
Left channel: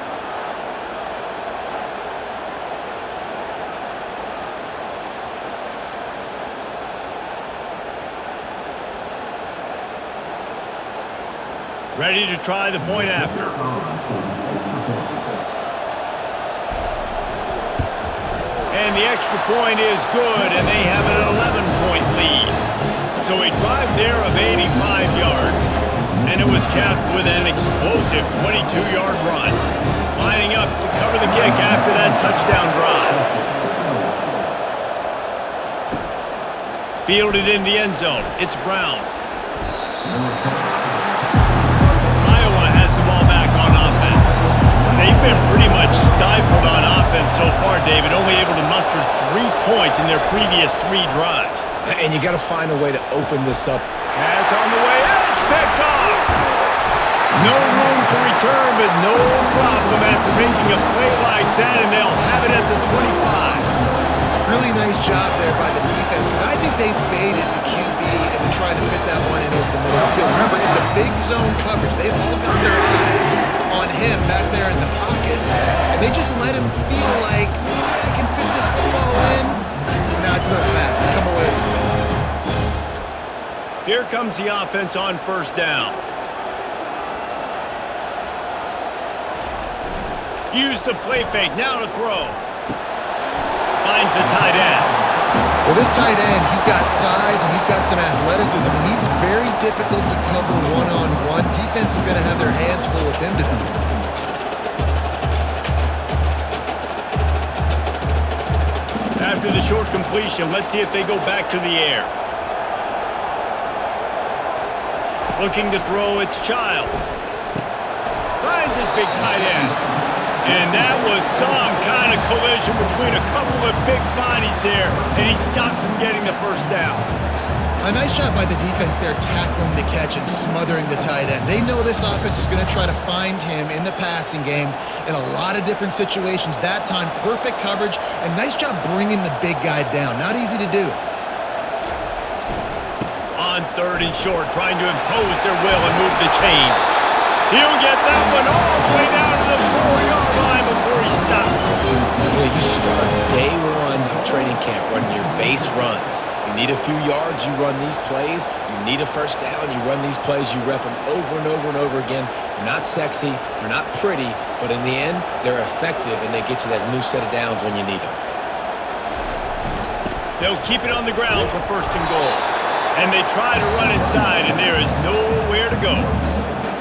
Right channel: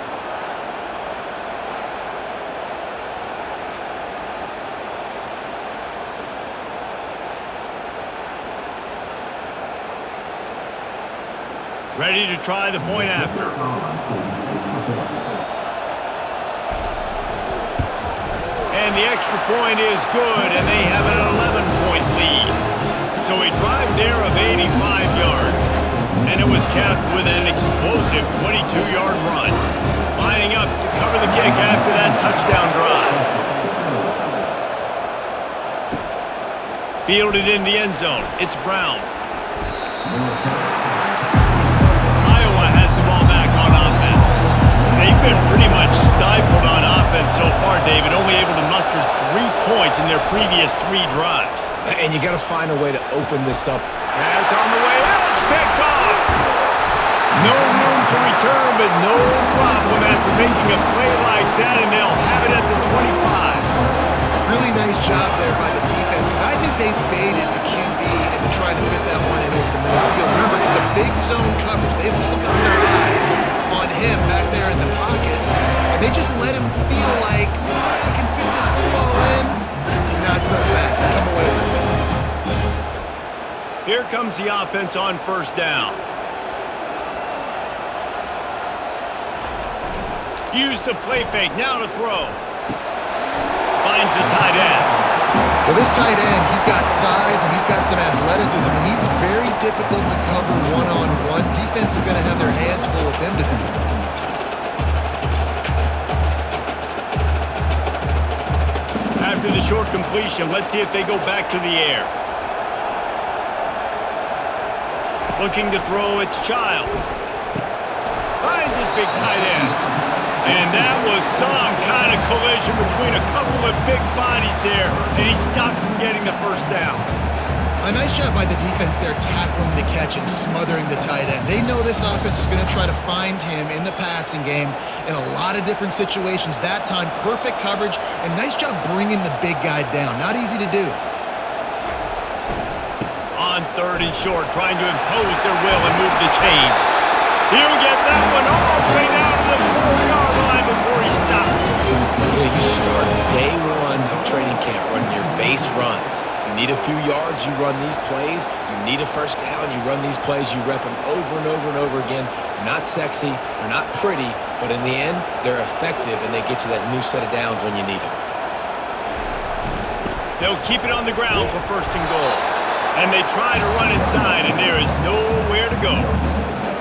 Ready to try the point after. And the extra point is good, and they have an 11-point lead. So a drive there of 85 yards, and it was capped with an explosive 22-yard run. Lining up to cover the kick after that touchdown drive. Fielded in the end zone. It's Brown. Has the ball back on offense. They've been pretty much stifled on offense so far, David, only able to muster 3 points in their previous 3 drives. And you got to find a way to open this up. Pass on the way, it's picked off. No room to return, but no problem after making a play like that, and they'll have it at the 25. Really nice job there by the defense, because I think they baited the QB into trying to fit that one in over the middle of the field. Remember, it's a big zone coverage. They've all got their eyes on him back there in the pocket, and they just let him feel like, maybe I can fit this football in. Not so fast. They come away with it. Here comes the offense on first down. Use the play fake, now to throw. Finds the tight end. Well, this tight end, he's got size and he's got some athleticism, and he's very difficult to cover one-on-one. Defense is going to have their hands full with him today. After the short completion, let's see if they go back to the air. Looking to throw, it's Childs. Finds his big tight end. And that was some kind of collision between a couple of big bodies there, and he stopped from getting the first down. A nice job by the defense there, tackling the catch and smothering the tight end. They know this offense is going to try to find him in the passing game in a lot of different situations. That time, perfect coverage, and nice job bringing the big guy down. Not easy to do. On 3rd and short, trying to impose their will and move the chains. He'll get that one all the way down to the 4-yard line before he stopped. You know, you start day 1 of training camp running your base runs. You need a few yards, you run these plays. You need a first down, you run these plays. You rep them over and over and over again. They're not sexy, they're not pretty, but in the end, they're effective, and they get you that new set of downs when you need them. They'll keep it on the ground for 1st and goal. And they try to run inside, and there is nowhere to go.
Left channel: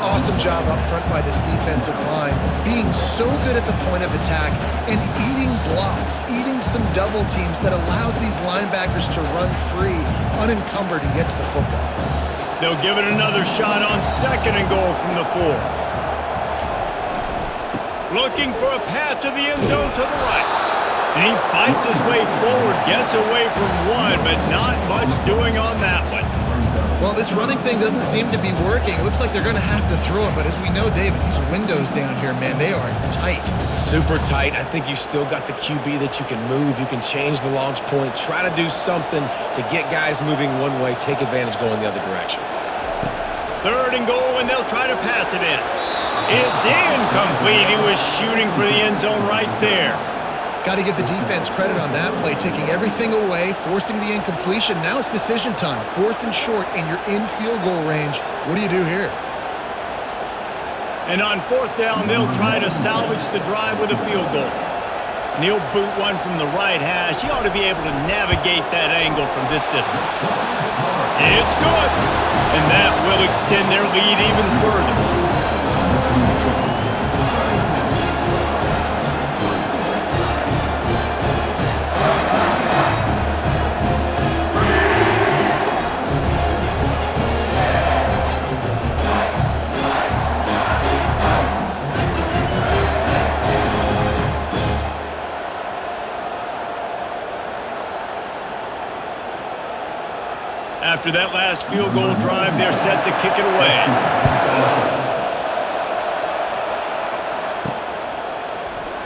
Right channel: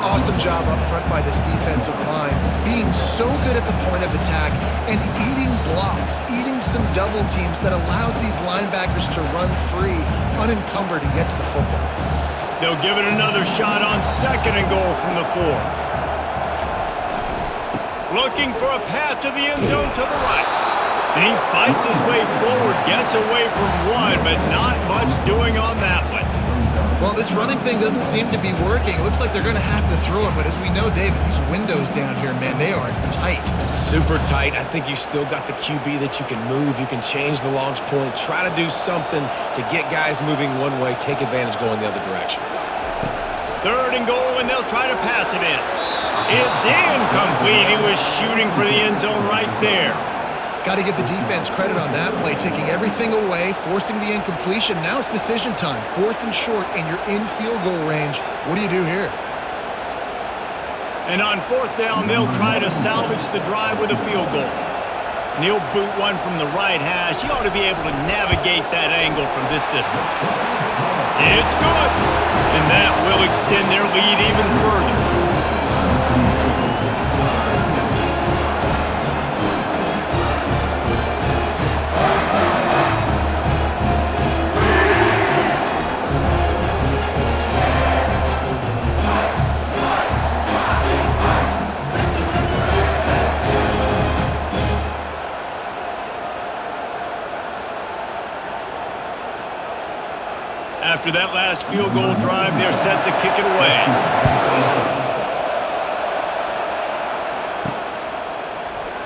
Awesome job up front by this defensive line, being so good at the point of attack and eating blocks, eating some double teams that allows these linebackers to run free, unencumbered, and get to the football. They'll give it another shot on 2nd and goal from the 4. Looking for a path to the end zone to the right. And he fights his way forward, gets away from one, but not much doing on that one. Well, this running thing doesn't seem to be working. It looks like they're going to have to throw it, but as we know, David, these windows down here, man, they are tight. Super tight. I think you still got the QB that you can move. You can change the launch point, try to do something to get guys moving one way, take advantage going the other direction. 3rd and goal, and they'll try to pass it in. It's incomplete. He was shooting for the end zone right there. Got to give the defense credit on that play, taking everything away, forcing the incompletion. Now it's decision time. 4th and short, and you're in field goal range. What do you do here? And on 4th down, they'll try to salvage the drive with a field goal. And he'll boot one from the right hash. He ought to be able to navigate that angle from this distance. It's good. And that will extend their lead even further. After that last field goal drive, they're set to kick it away.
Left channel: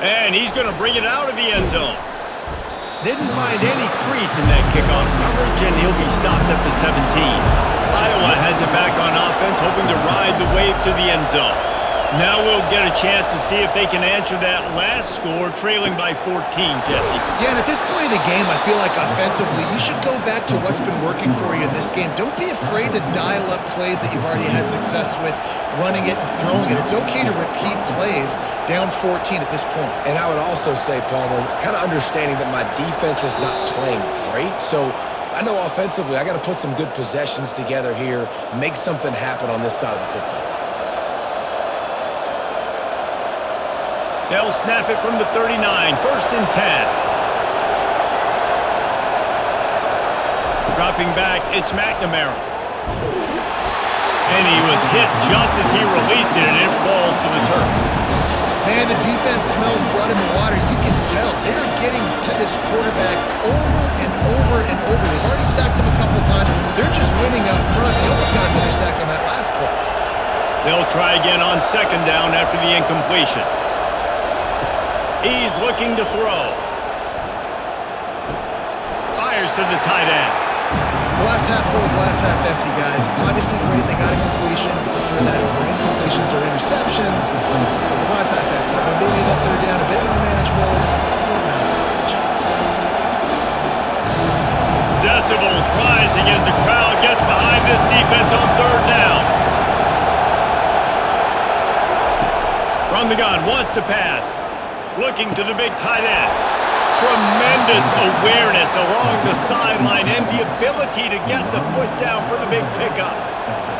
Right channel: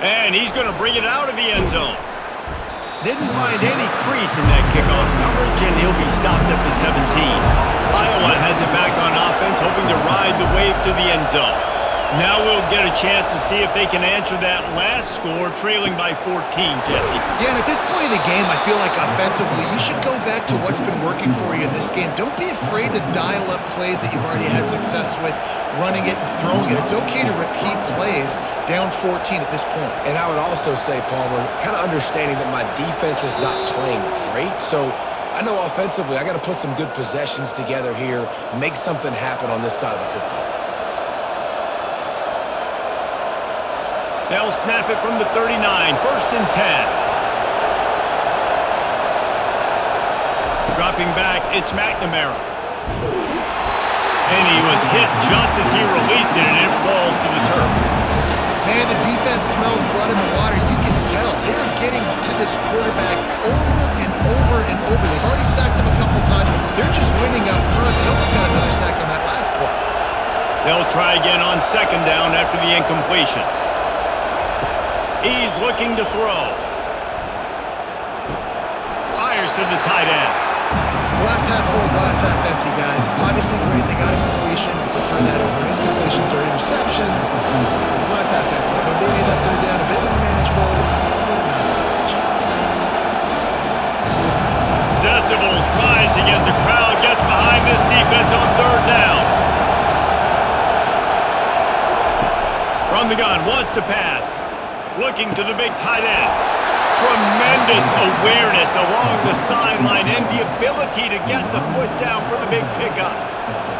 And he's going to bring it out of the end zone. Didn't find any crease in that kickoff coverage, and he'll be stopped at the 17. Iowa has it back on offense, hoping to ride the wave to the end zone. Now we'll get a chance to see if they can answer that last score, trailing by 14, Jesse. Yeah, and at this point of the game, I feel like offensively, you should go back to what's been working for you in this game. Don't be afraid to dial up plays that you've already had success with, running it and throwing it. It's okay to repeat plays down 14 at this point. And I would also say, Palmer, kind of understanding that my defense is not playing great, so I know offensively I got to put some good possessions together here, make something happen on this side of the football. They'll snap it from the 39, 1st and 10. Dropping back, it's McNamara. And he was hit just as he released it, and it falls to the turf. Man, the defense smells blood in the water. You can tell. They're getting to this quarterback over and over and over. They've already sacked him a couple times. They're just winning up front. They almost got another sack on that last play. They'll try again on 2nd down after the incompletion. He's looking to throw. Fires to the tight end. Glass half full, glass half empty, guys. Obviously great, they got a completion. You prefer that over incompletions or interceptions. Glass half empty. I mean, they made that 3rd down a bit more manageable, but not that much. Decibels rising as the crowd gets behind this defense on 3rd down. From the gun, wants to pass. Looking to the big tight end. Tremendous awareness along the sideline and the ability to get the foot down for the big pickup.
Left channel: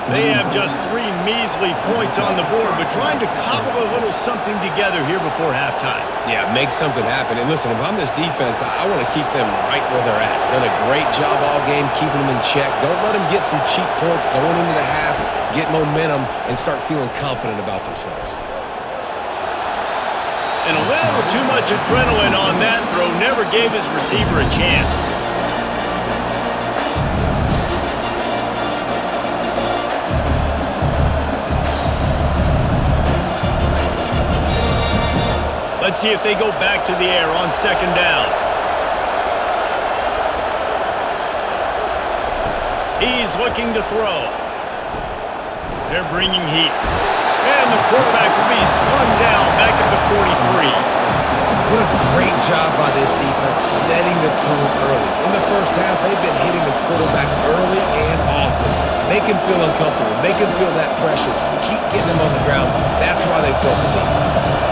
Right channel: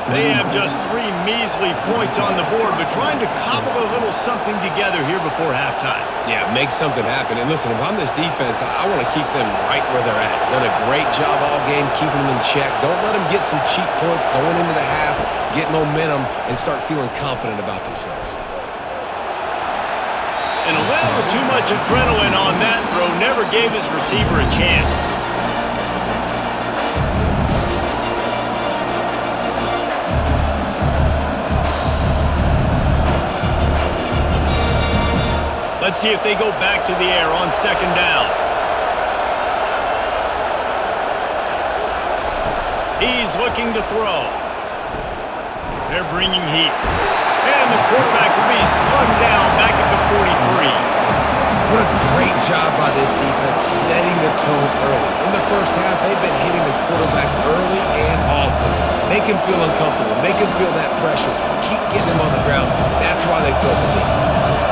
They have just 3 measly points on the board, but trying to cobble a little something together here before halftime. Yeah, make something happen. And listen, if I'm this defense, I want to keep them right where they're at. Done a great job all game keeping them in check. Don't let them get some cheap points going into the half, get momentum, and start feeling confident about themselves. And a little too much adrenaline on that throw never gave his receiver a chance. Let's see if they go back to the air on 2nd down. He's looking to throw. They're bringing heat. And the quarterback will be slung down back at the 43. What a great job by this defense setting the tone early. In the first half, they've been hitting the quarterback early and often. Make him feel uncomfortable. Make him feel that pressure. Keep getting him on the ground. That's why they built the lead.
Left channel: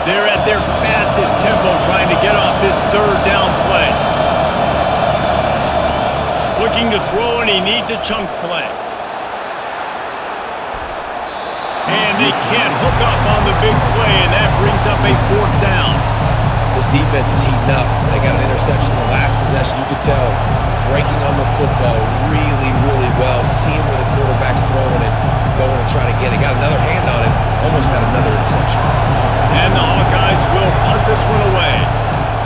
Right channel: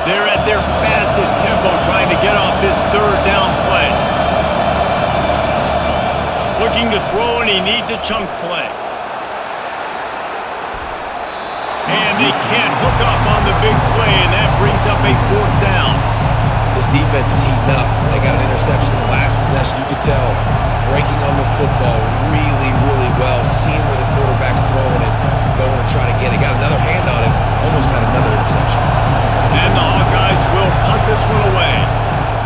They're at their fastest tempo trying to get off this 3rd down play. Looking to throw, and he needs a chunk play. And they can't hook up on the big play, and that brings up a 4th down. This defense is heating up. They got an interception in the last possession. You could tell breaking on the football really, really well, seeing where the quarterback's throwing it, going to try to get it. Got another hand on it, almost had another interception. And the Hawkeyes will punt this one away.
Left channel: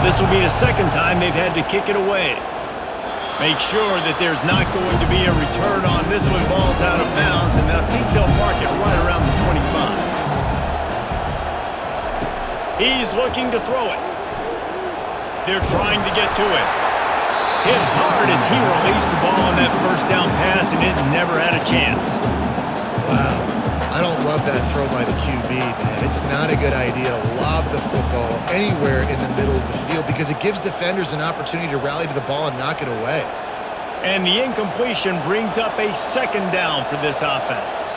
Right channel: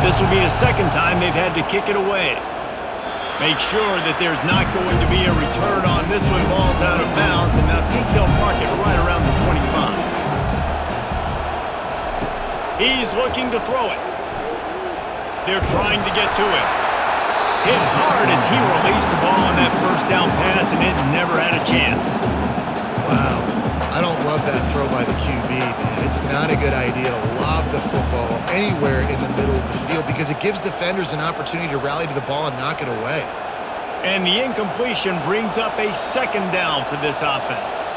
This will be the 2nd time they've had to kick it away. Make sure that there's not going to be a return on this one. Ball's out of bounds, and I think they'll mark it right around the 25. He's looking to throw it. They're trying to get to him. Hit hard as he released the ball on that 1st down pass, and it never had a chance. Wow. I don't love that throw by the QB, man. It's not a good idea to lob the football anywhere in the middle of the field because it gives defenders an opportunity to rally to the ball and knock it away. And the incompletion brings up a 2nd down for this offense.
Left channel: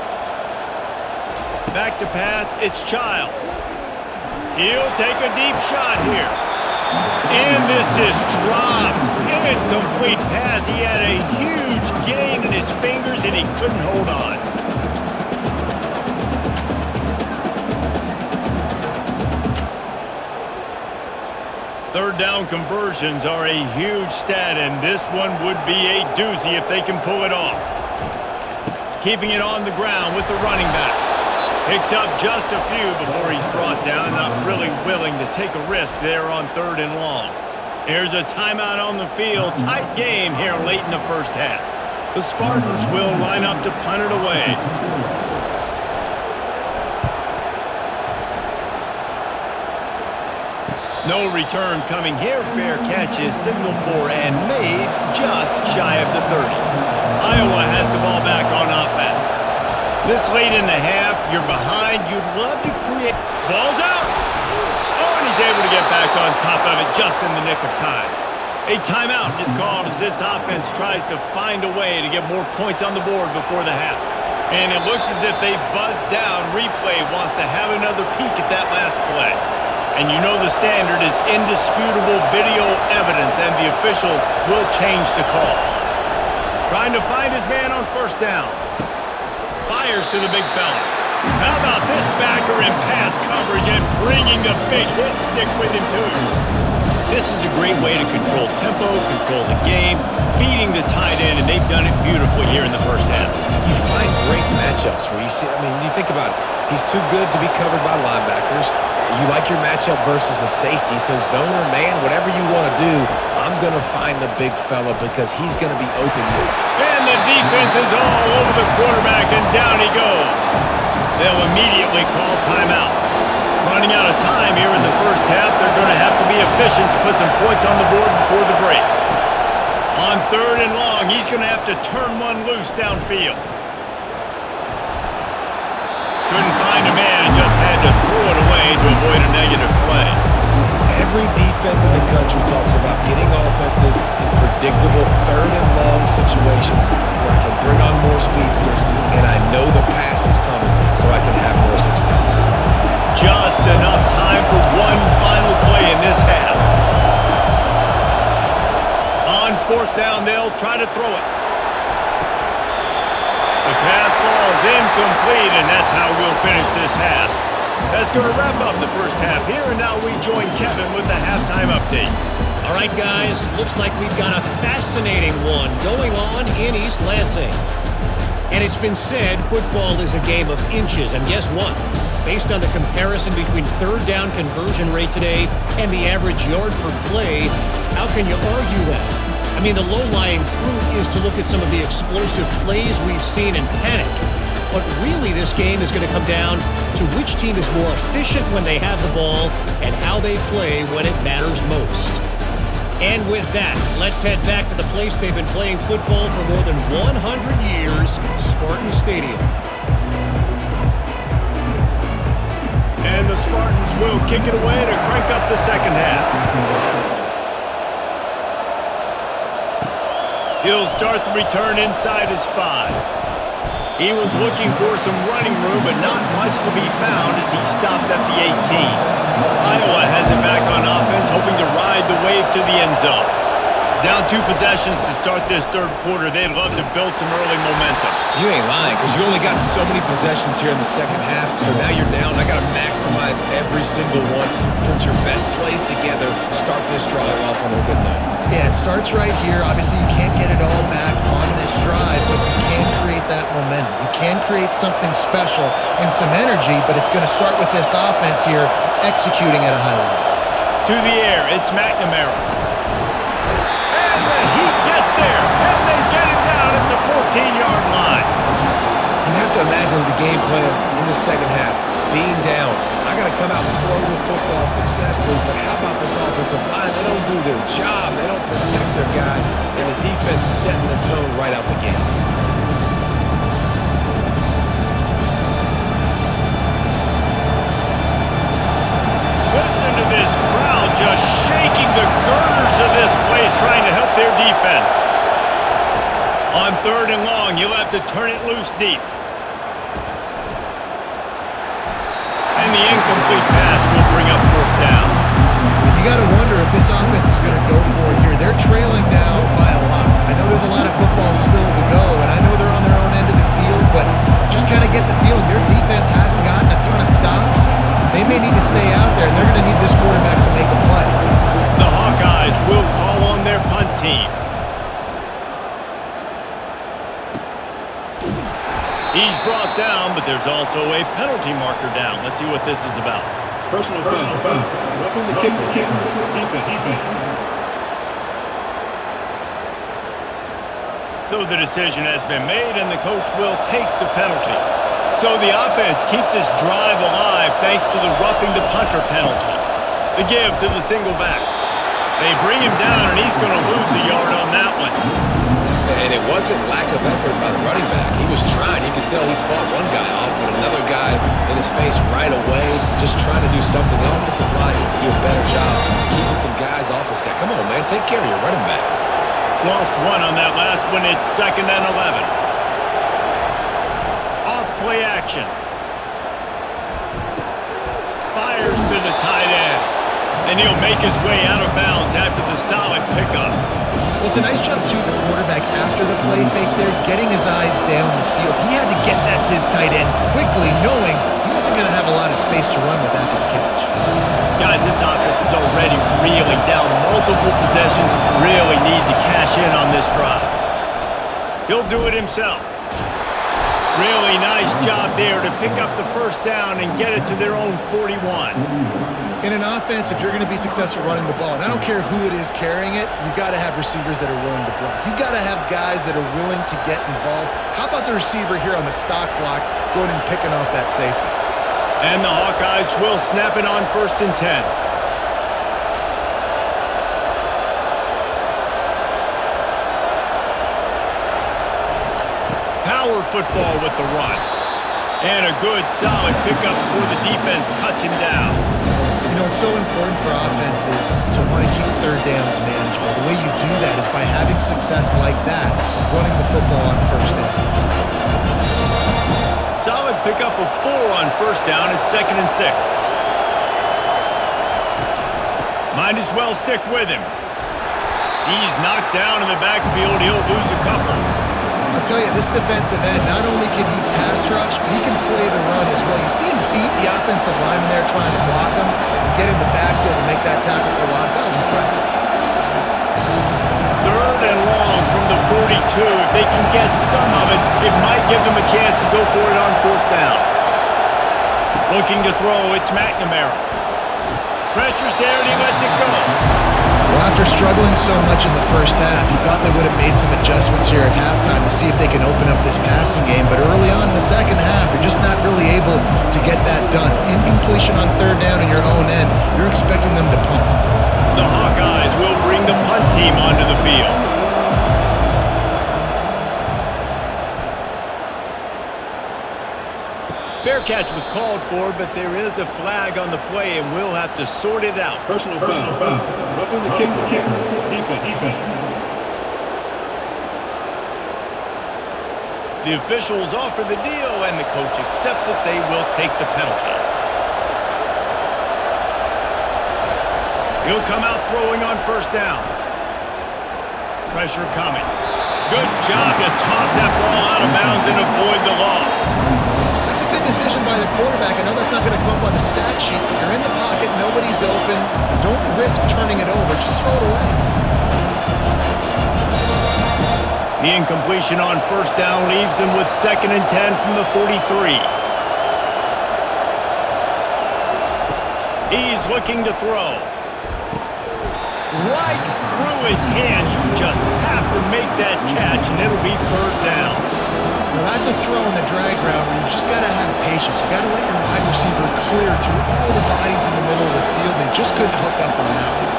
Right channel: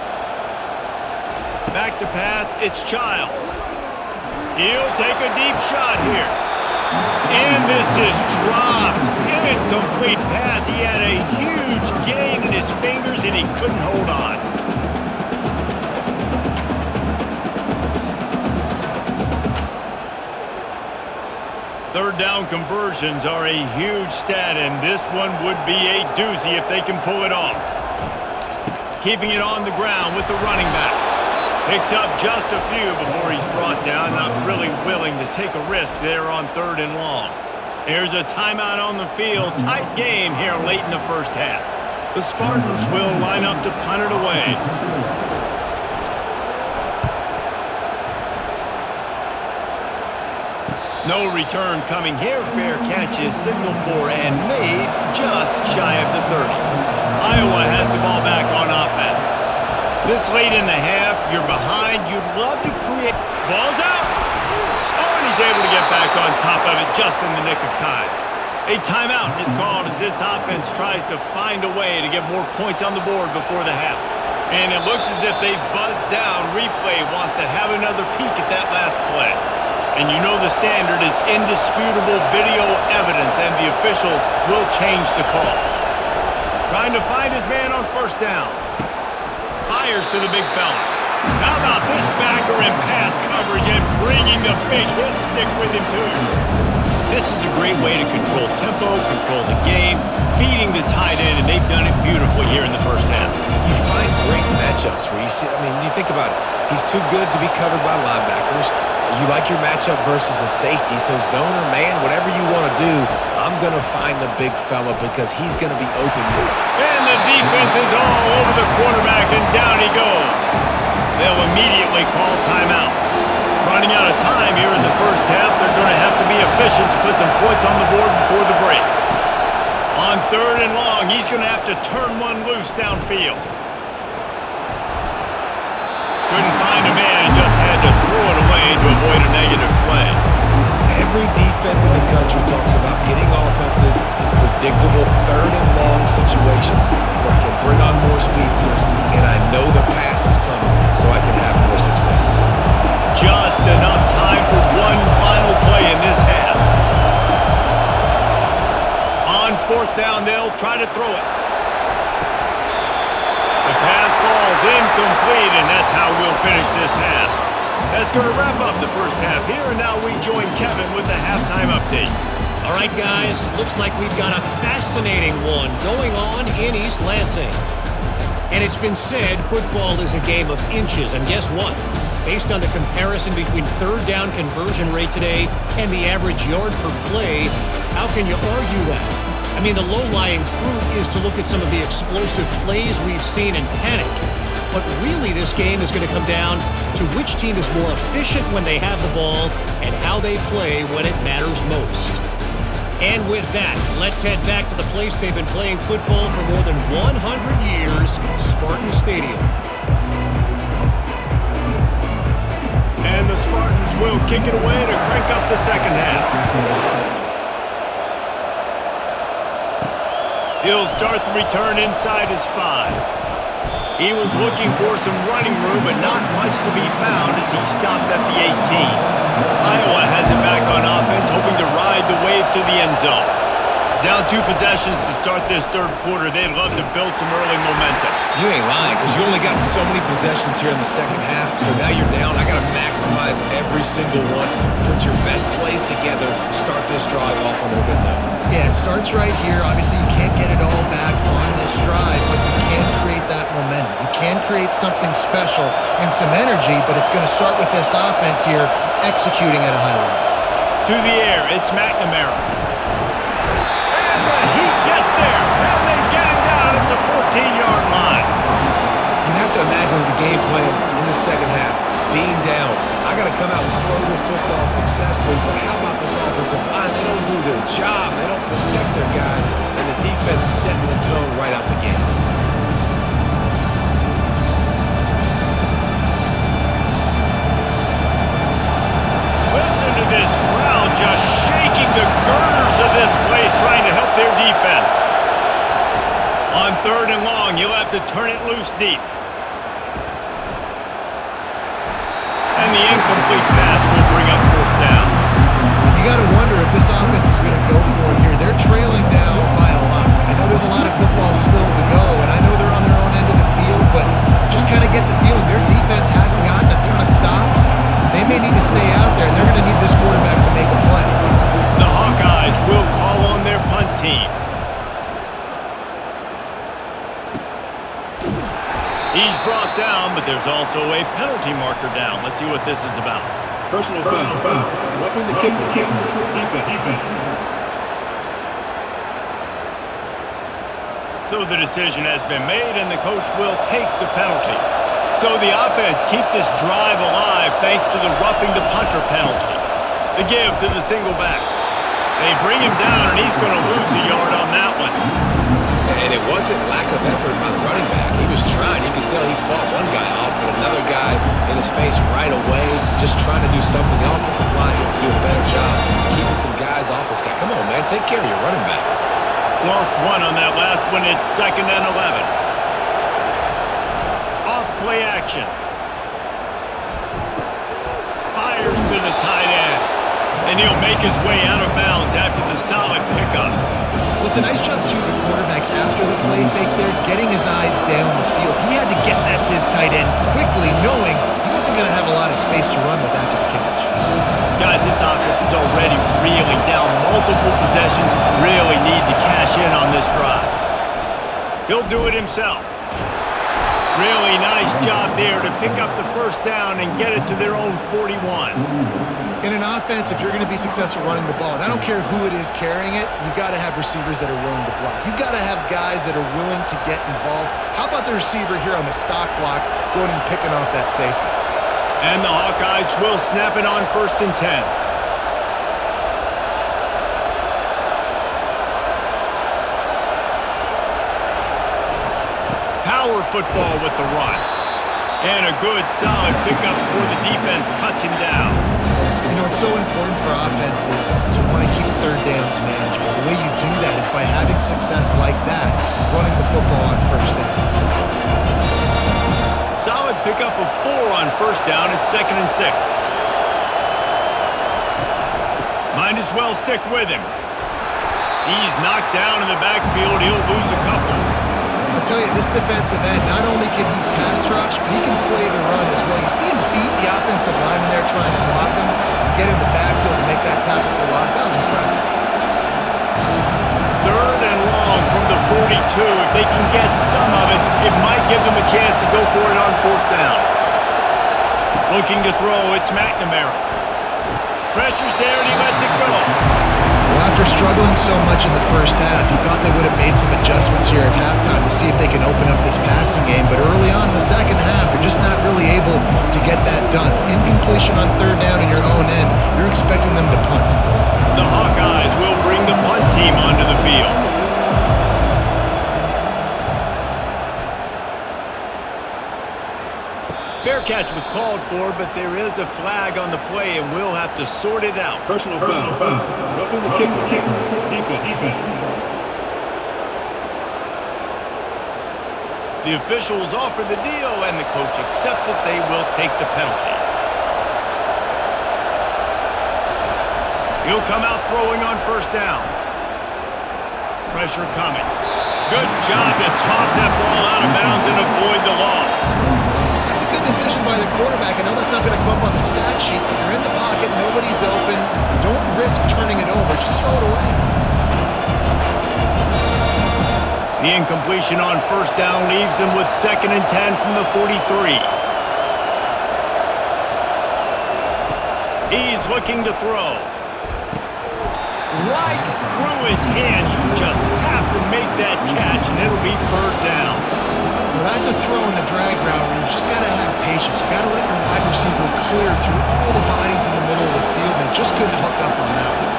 Back to pass, it's Childs. He'll take a deep shot here. And this is dropped. Incomplete pass. He had a huge gain in his fingers, and he couldn't hold on. Third down conversions are a huge stat, and this one would be a doozy if they can pull it off. Keeping it on the ground with the running back. Picks up just a few before he's brought down. Not really willing to take a risk there on 3rd and long. There's a timeout on the field. Tight game here late in the 1st half. The Spartans will line up to punt it away. No return coming here. Fair catch is signaled for and made just shy of the 30. Iowa has the ball back on offense. This late in the half, you're behind. You'd love to create. Ball's out. Oh, and he's able to get back on top of it just in the nick of time. A timeout is called as this offense tries to find a way to get more points on the board before the half. And it looks as if they've buzzed down. Replay wants to have another peek at that last play. And you know the standard is indisputable video evidence, and the officials will change the call. Trying to find his man on 1st down. Fires to the big fella. How about this backer in pass coverage and bringing the big hit stick with him too? This is a great way to control tempo, control the game, feeding the tight end, and they've done it beautifully here in the 1st half. You find great matchups where you see, you think about it. He's too good to be covered by linebackers. You like your matchup versus a safety, so zone or man, whatever you want to do, I'm going to find the big fella because he's going to be open. And the defense is all over the quarterback, and down he goes. They'll immediately call timeout. Running out of time here in the 1st half, they're going to have to be efficient to put some points on the board before the break. On 3rd and long, he's going to have to turn one loose downfield. Couldn't find a man and just had to throw it away to avoid a negative play. Every defense in the country talks about getting offenses in predictable 3rd and long situations where I can bring on more speedsters and I know the pass is coming so I can have more success. Just enough time for one final play in this half. On 4th down, they'll try to throw it. The pass falls incomplete, and that's how we'll finish this half. That's going to wrap up the 1st half here, and now we join Kevin with the halftime update. All right, guys, looks like we've got a fascinating one going on in East Lansing. And it's been said football is a game of inches, and guess what? Based on the comparison between 3rd down conversion rate today and the average yard per play, how can you argue that? I mean, the low-lying fruit is to look at some of the explosive plays we've seen in panic. But really, this game is going to come down to which team is more efficient when they have the ball and how they play when it matters most. And with that, let's head back to the place they've been playing football for more than 100 years, Spartan Stadium. And the Spartans will kick it away to crank up the 2nd half. He'll start the return inside his 5. He was looking for some running room, but not much to be found as he stopped at the 18. Iowa has it back on offense, hoping to ride the wave to the end zone. Down 2 possessions to start this third quarter. They'd love to build some early momentum. You ain't lying, because you only got so many possessions here in the second half, so now you're down. I got to maximize every single one, put your best plays together, start this drive off on a good note. Yeah, it starts right here. Obviously, you can't get it all back on this drive, but you can create that momentum. You can create something special and some energy, but it's going to start with this offense here executing at a high level. To the air, it's McNamara. And the Heat gets there, and they get him down at the 14-yard line. You have to imagine the game plan in the second half. Being down, I got to come out and throw the football successfully, but how about this offensive line? They don't do their job. They don't protect their guy, and the defense setting the tone right out the gate. Listen to this crowd just shaking the girders of this place, trying to help their defense. On 3rd and long, you'll have to turn it loose deep. And the incomplete pass will bring up 4th down. You got to wonder if this offense is going to go for it here. They're trailing now by a lot. I know there's a lot of football still to go, and I know they're on their own end of the field, but just kind of get the feeling their defense hasn't gotten a ton of stops. They may need to stay out there, and they're going to need this quarterback to make a play. The Hawkeyes will call on their punt team. He's brought down, but there's also a penalty marker down. Let's see what this is about. Personal foul. Roughing the kicker. Defense. So the decision has been made, and the coach will take the penalty. So the offense keeps this drive alive thanks to the roughing the punter penalty. The give to the single back. They bring him down, and he's going to lose a yard on that one. And it wasn't lack of effort by the running back. He was trying. You could tell he fought one guy off, but another guy in his face right away, just trying to do something. The offensive line needs to do a better job keeping some guys off this guy. Come on, man. Take care of your running back. Lost one on that last one. It's 2nd and 11. Off play action. Fires to the tight end. And he'll make his way out of bounds after the solid pickup. Well, it's a nice job, too, the quarterback after the play fake there, getting his eyes down the field. He had to get that to his tight end quickly, knowing he wasn't going to have a lot of space to run with after the catch. Guys, this offense is already reeling down multiple possessions. Really need to cash in on this drive. He'll do it himself. Really nice job there to pick up the 1st down and get it to their own 41. In an offense, if you're going to be successful running the ball, and I don't care who it is carrying it, you've got to have receivers that are willing to block. You've got to have guys that are willing to get involved. How about the receiver here on the stock block going and picking off that safety? And the Hawkeyes will snap it on 1st and 10. Power football with the run. And a good, solid pickup before the defense cuts him down. You know, it's so important for offenses to want to keep 3rd downs manageable. The way you do that is by having success like that, running the football on 1st down. Solid pickup of 4 on 1st down. It's 2nd and 6. Might as well stick with him. He's knocked down in the backfield. He'll lose a couple. I'll tell you, this defensive end, not only can he pass rush, but he can play the run as well. You see him beat the offensive lineman there trying to block him and get in the backfield to make that tackle for loss. That was impressive. 3rd and long from the 42. If they can get some of it, it might give them a chance to go for it on 4th down. Looking to throw, it's McNamara. Pressure's there, and he lets it go. Well, after struggling so much in the 1st half, you thought they would have made some adjustments here at halftime to see if they can open up this passing game. But early on in the 2nd half, they're just not really able to get that done. Incompletion on 3rd down in your own end, you're expecting them to punt. The Hawkeyes will bring the punt team onto the field. Fair catch was called for, but there is a flag on the play, and we'll have to sort it out. Personal foul. Roughing the kicker. Defense. The officials offer the deal, and the coach accepts it. They will take the penalty. He'll come out throwing on 1st down. Pressure coming. Good job to toss that ball out of bounds and avoid the loss. That's a good decision by the quarterback. I know that's not going to come up on the stat sheet, but you're in the pocket, nobody's open. Don't risk turning it over. Just throw it away. The incompletion on first down leaves him with 2nd and 10 from the 43. He's looking to throw. Right through his hands. You just have to make that catch, and it'll be 3rd down. Now that's a throw in the drag route where you just got to have patience. You got to let your wide receiver clear through all the bodies in the middle of the field. They just couldn't hook up on that one.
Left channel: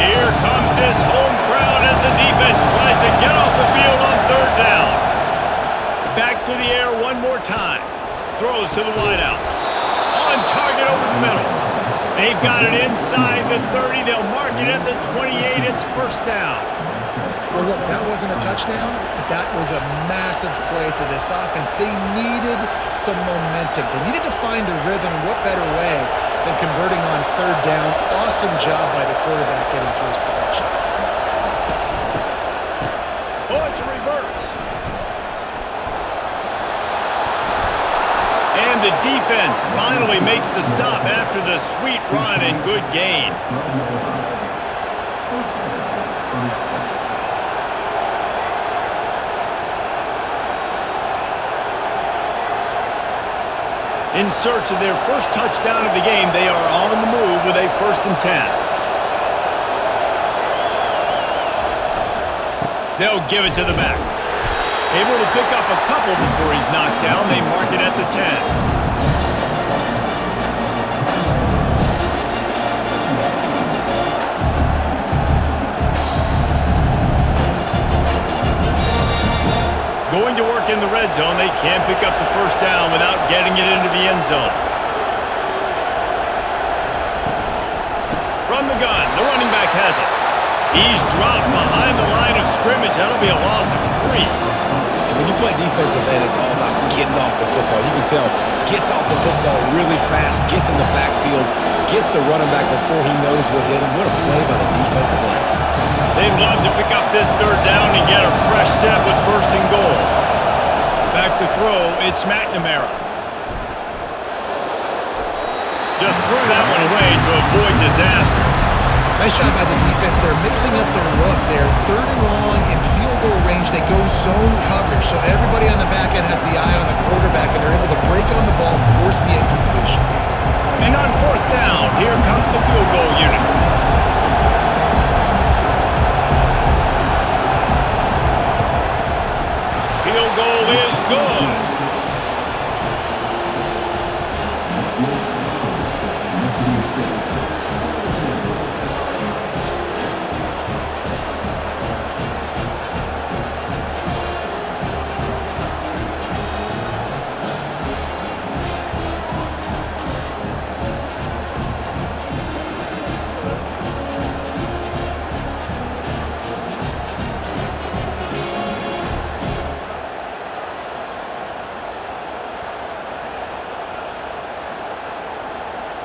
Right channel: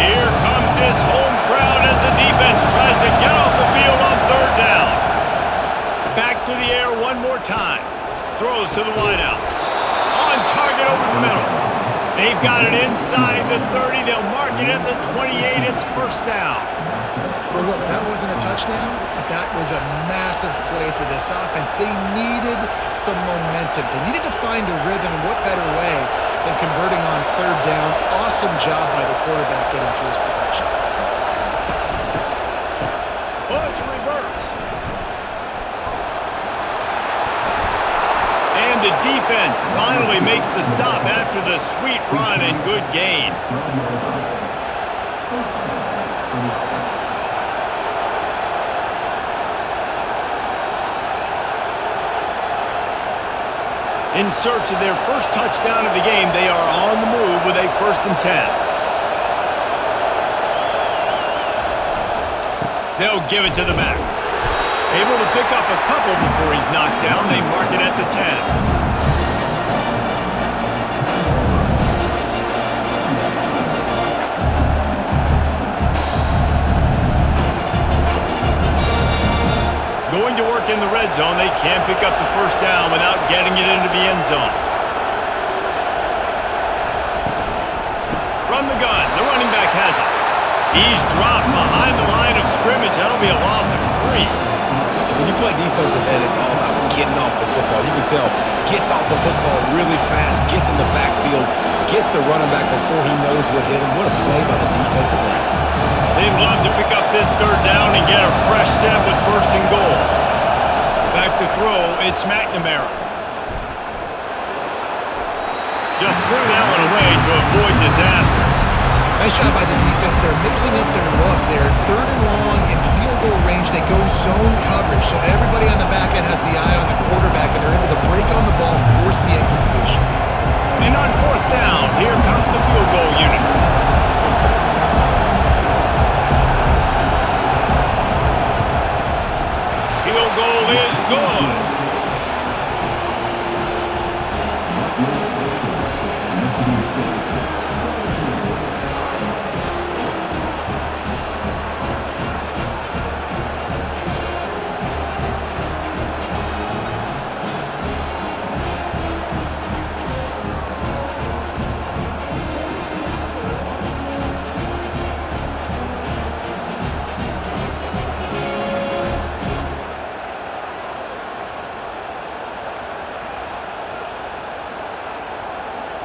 Here comes this home crowd as the defense tries to get off the field on 3rd down. Back to the air one more time. Throws to the wideout. On target over the middle. They've got it inside the 30. They'll mark it at the 28. It's 1st down. Well, look, that wasn't a touchdown, but that was a massive play for this offense. They needed some momentum. They needed to find a rhythm, and what better way than converting on 3rd down. Awesome job by the quarterback getting through his progression. Oh, it's a reverse. And the defense finally makes the stop after the sweet run and good gain. In search of their first touchdown of the game, they are on the move with a 1st and 10. They'll give it to the back. Able to pick up a couple before he's knocked down. They mark it at the 10. Going to work in the red zone. They can't pick up the 1st down without getting it into the end zone. From the gun, the running back has it. He's dropped behind the line of scrimmage. That'll be a loss of 3. When you play defensive end, it's all about getting off the football. You can tell, gets off the football really fast, gets in the backfield, gets the running back before he knows what hit him. What a play by the defensive end. They'd love to pick up this 3rd down and get a fresh set with 1st and goal. Back to throw, it's McNamara. Just threw that one away to avoid disaster. Nice job by the defense. They're mixing up their look. They're 3rd and long in field goal range. They go zone coverage, so everybody on the back end has the eye on the quarterback, and they're able to break on the ball, force the incompletion. And on 4th down, here comes the field goal unit. Field goal is good.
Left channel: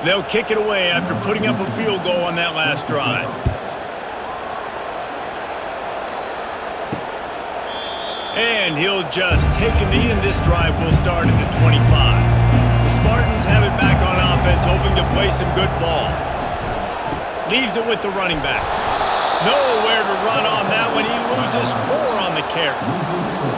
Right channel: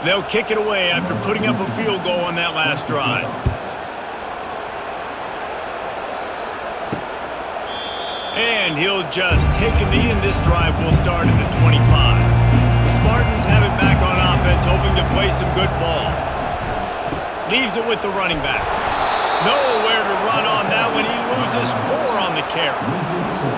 They'll kick it away after putting up a field goal on that last drive. And he'll just take a knee, and this drive will start at the 25. The Spartans have it back on offense, hoping to play some good ball. Leaves it with the running back. Nowhere to run on that one. He loses 4 on the carry.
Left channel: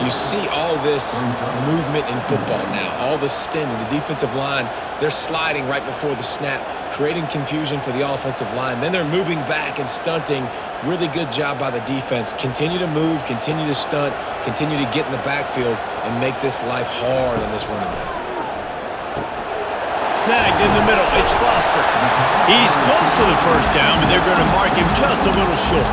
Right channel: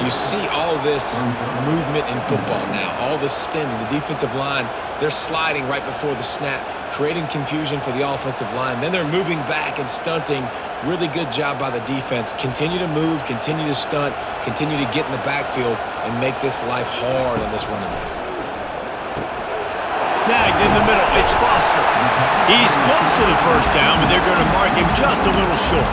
You see all this movement in football now, all the stemming, the defensive line, they're sliding right before the snap, creating confusion for the offensive line. Then they're moving back and stunting. Really good job by the defense. Continue to move, continue to stunt, continue to get in the backfield and make this life hard on this running back. Snagged in the middle, it's Foster. He's close to the 1st down, but they're going to mark him just a little short.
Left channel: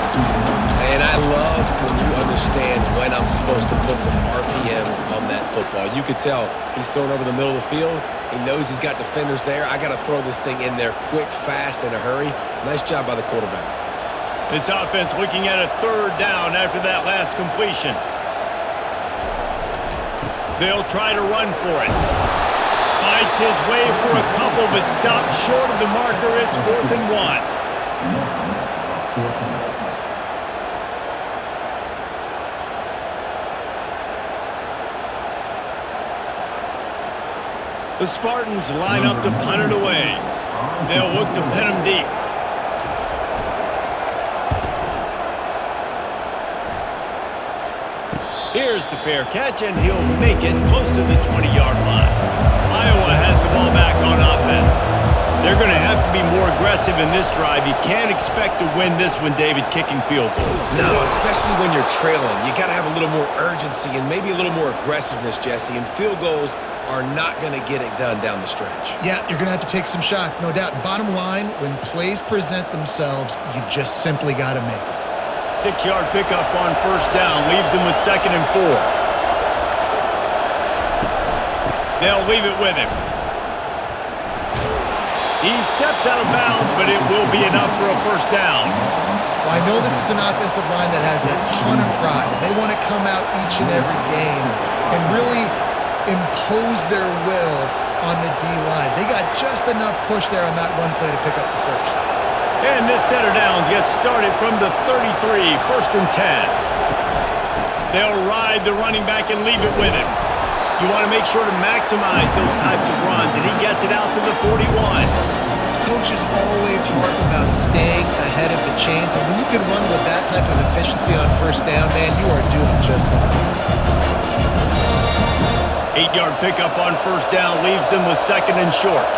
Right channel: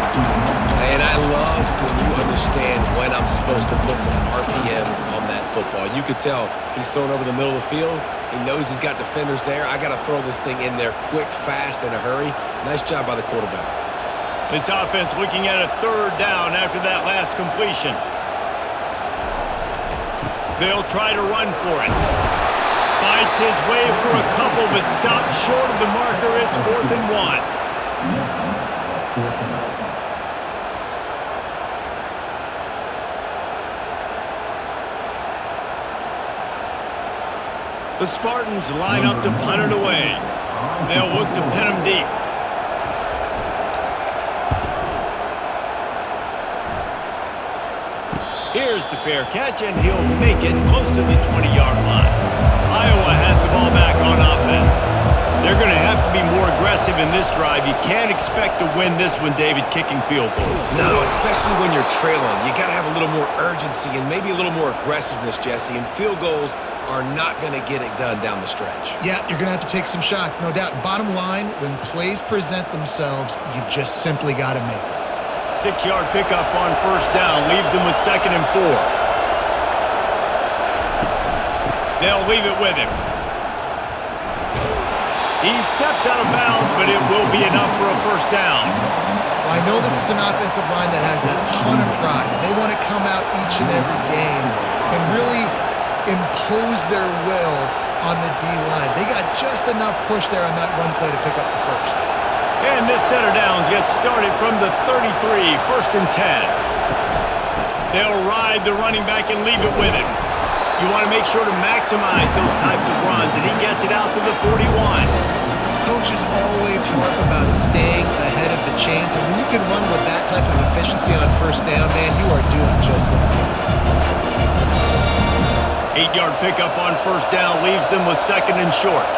And I love when you understand when I'm supposed to put some RPMs on that football. You could tell he's thrown over the middle of the field. He knows he's got defenders there. I got to throw this thing in there quick, fast, in a hurry. Nice job by the quarterback. This offense looking at a 3rd down after that last completion. They'll try to run for it. Fights his way for a couple, but stopped short of the marker. It's 4th and 1. The Spartans line up to punt it away. They'll look to pin him deep. Here's the fair catch, and he'll make it close to the 20-yard line. Iowa has the ball back on offense. They're going to have to be more aggressive in this drive. You can't expect to win this one, David, kicking field goals. No, especially when you're trailing. You got to have a little more urgency and maybe a little more aggressiveness, Jesse, and field goals are not going to get it done down the stretch. Yeah, you're going to have to take some shots, no doubt. Bottom line, when plays present themselves, you've just simply got to make them. 6-yard pickup on first down leaves them with 2nd and 4. They'll leave it with him. He steps out of bounds, but it will be enough for a first down. Well, I know this is an offensive line that has a ton of pride. They want to come out each and every game and really impose their will on the D-line. They got just enough push there on that run play to pick up the first. And this set of downs gets started from the 33, 1st and 10. They'll ride the running back and leave it with him. You want to make sure to maximize those types of runs, and he gets it out to the 41. Coaches always harp about staying ahead of the chains, and when you can run with that type of efficiency on first down, man, you are doing just that. 8-yard pickup on first down leaves them with 2nd and short.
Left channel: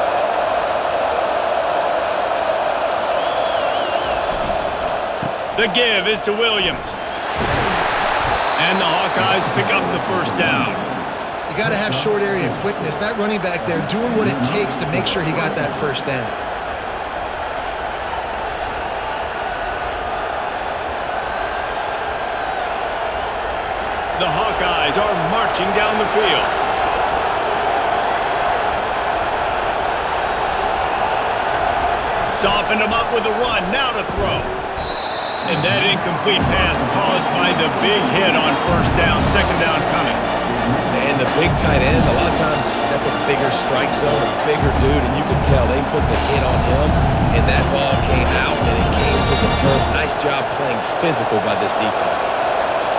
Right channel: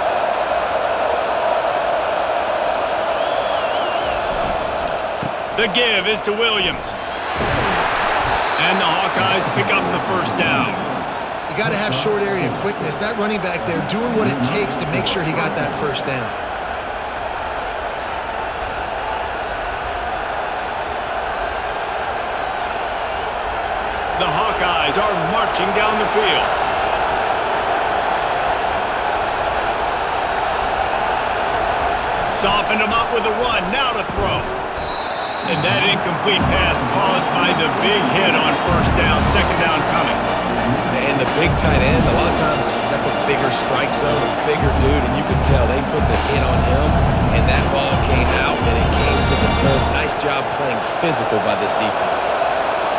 The give is to Williams. And the Hawkeyes pick up the first down. You got to have short area quickness. That running back there doing what it takes to make sure he got that first down. The Hawkeyes are marching down the field. Softened him up with a run, now to throw. And that incomplete pass caused by the big hit on first down, 2nd down coming. And the big tight end, a lot of times that's a bigger strike zone, a bigger dude, and you can tell they put the hit on him, and that ball came out, and it came to the turf. Nice job playing physical by this defense.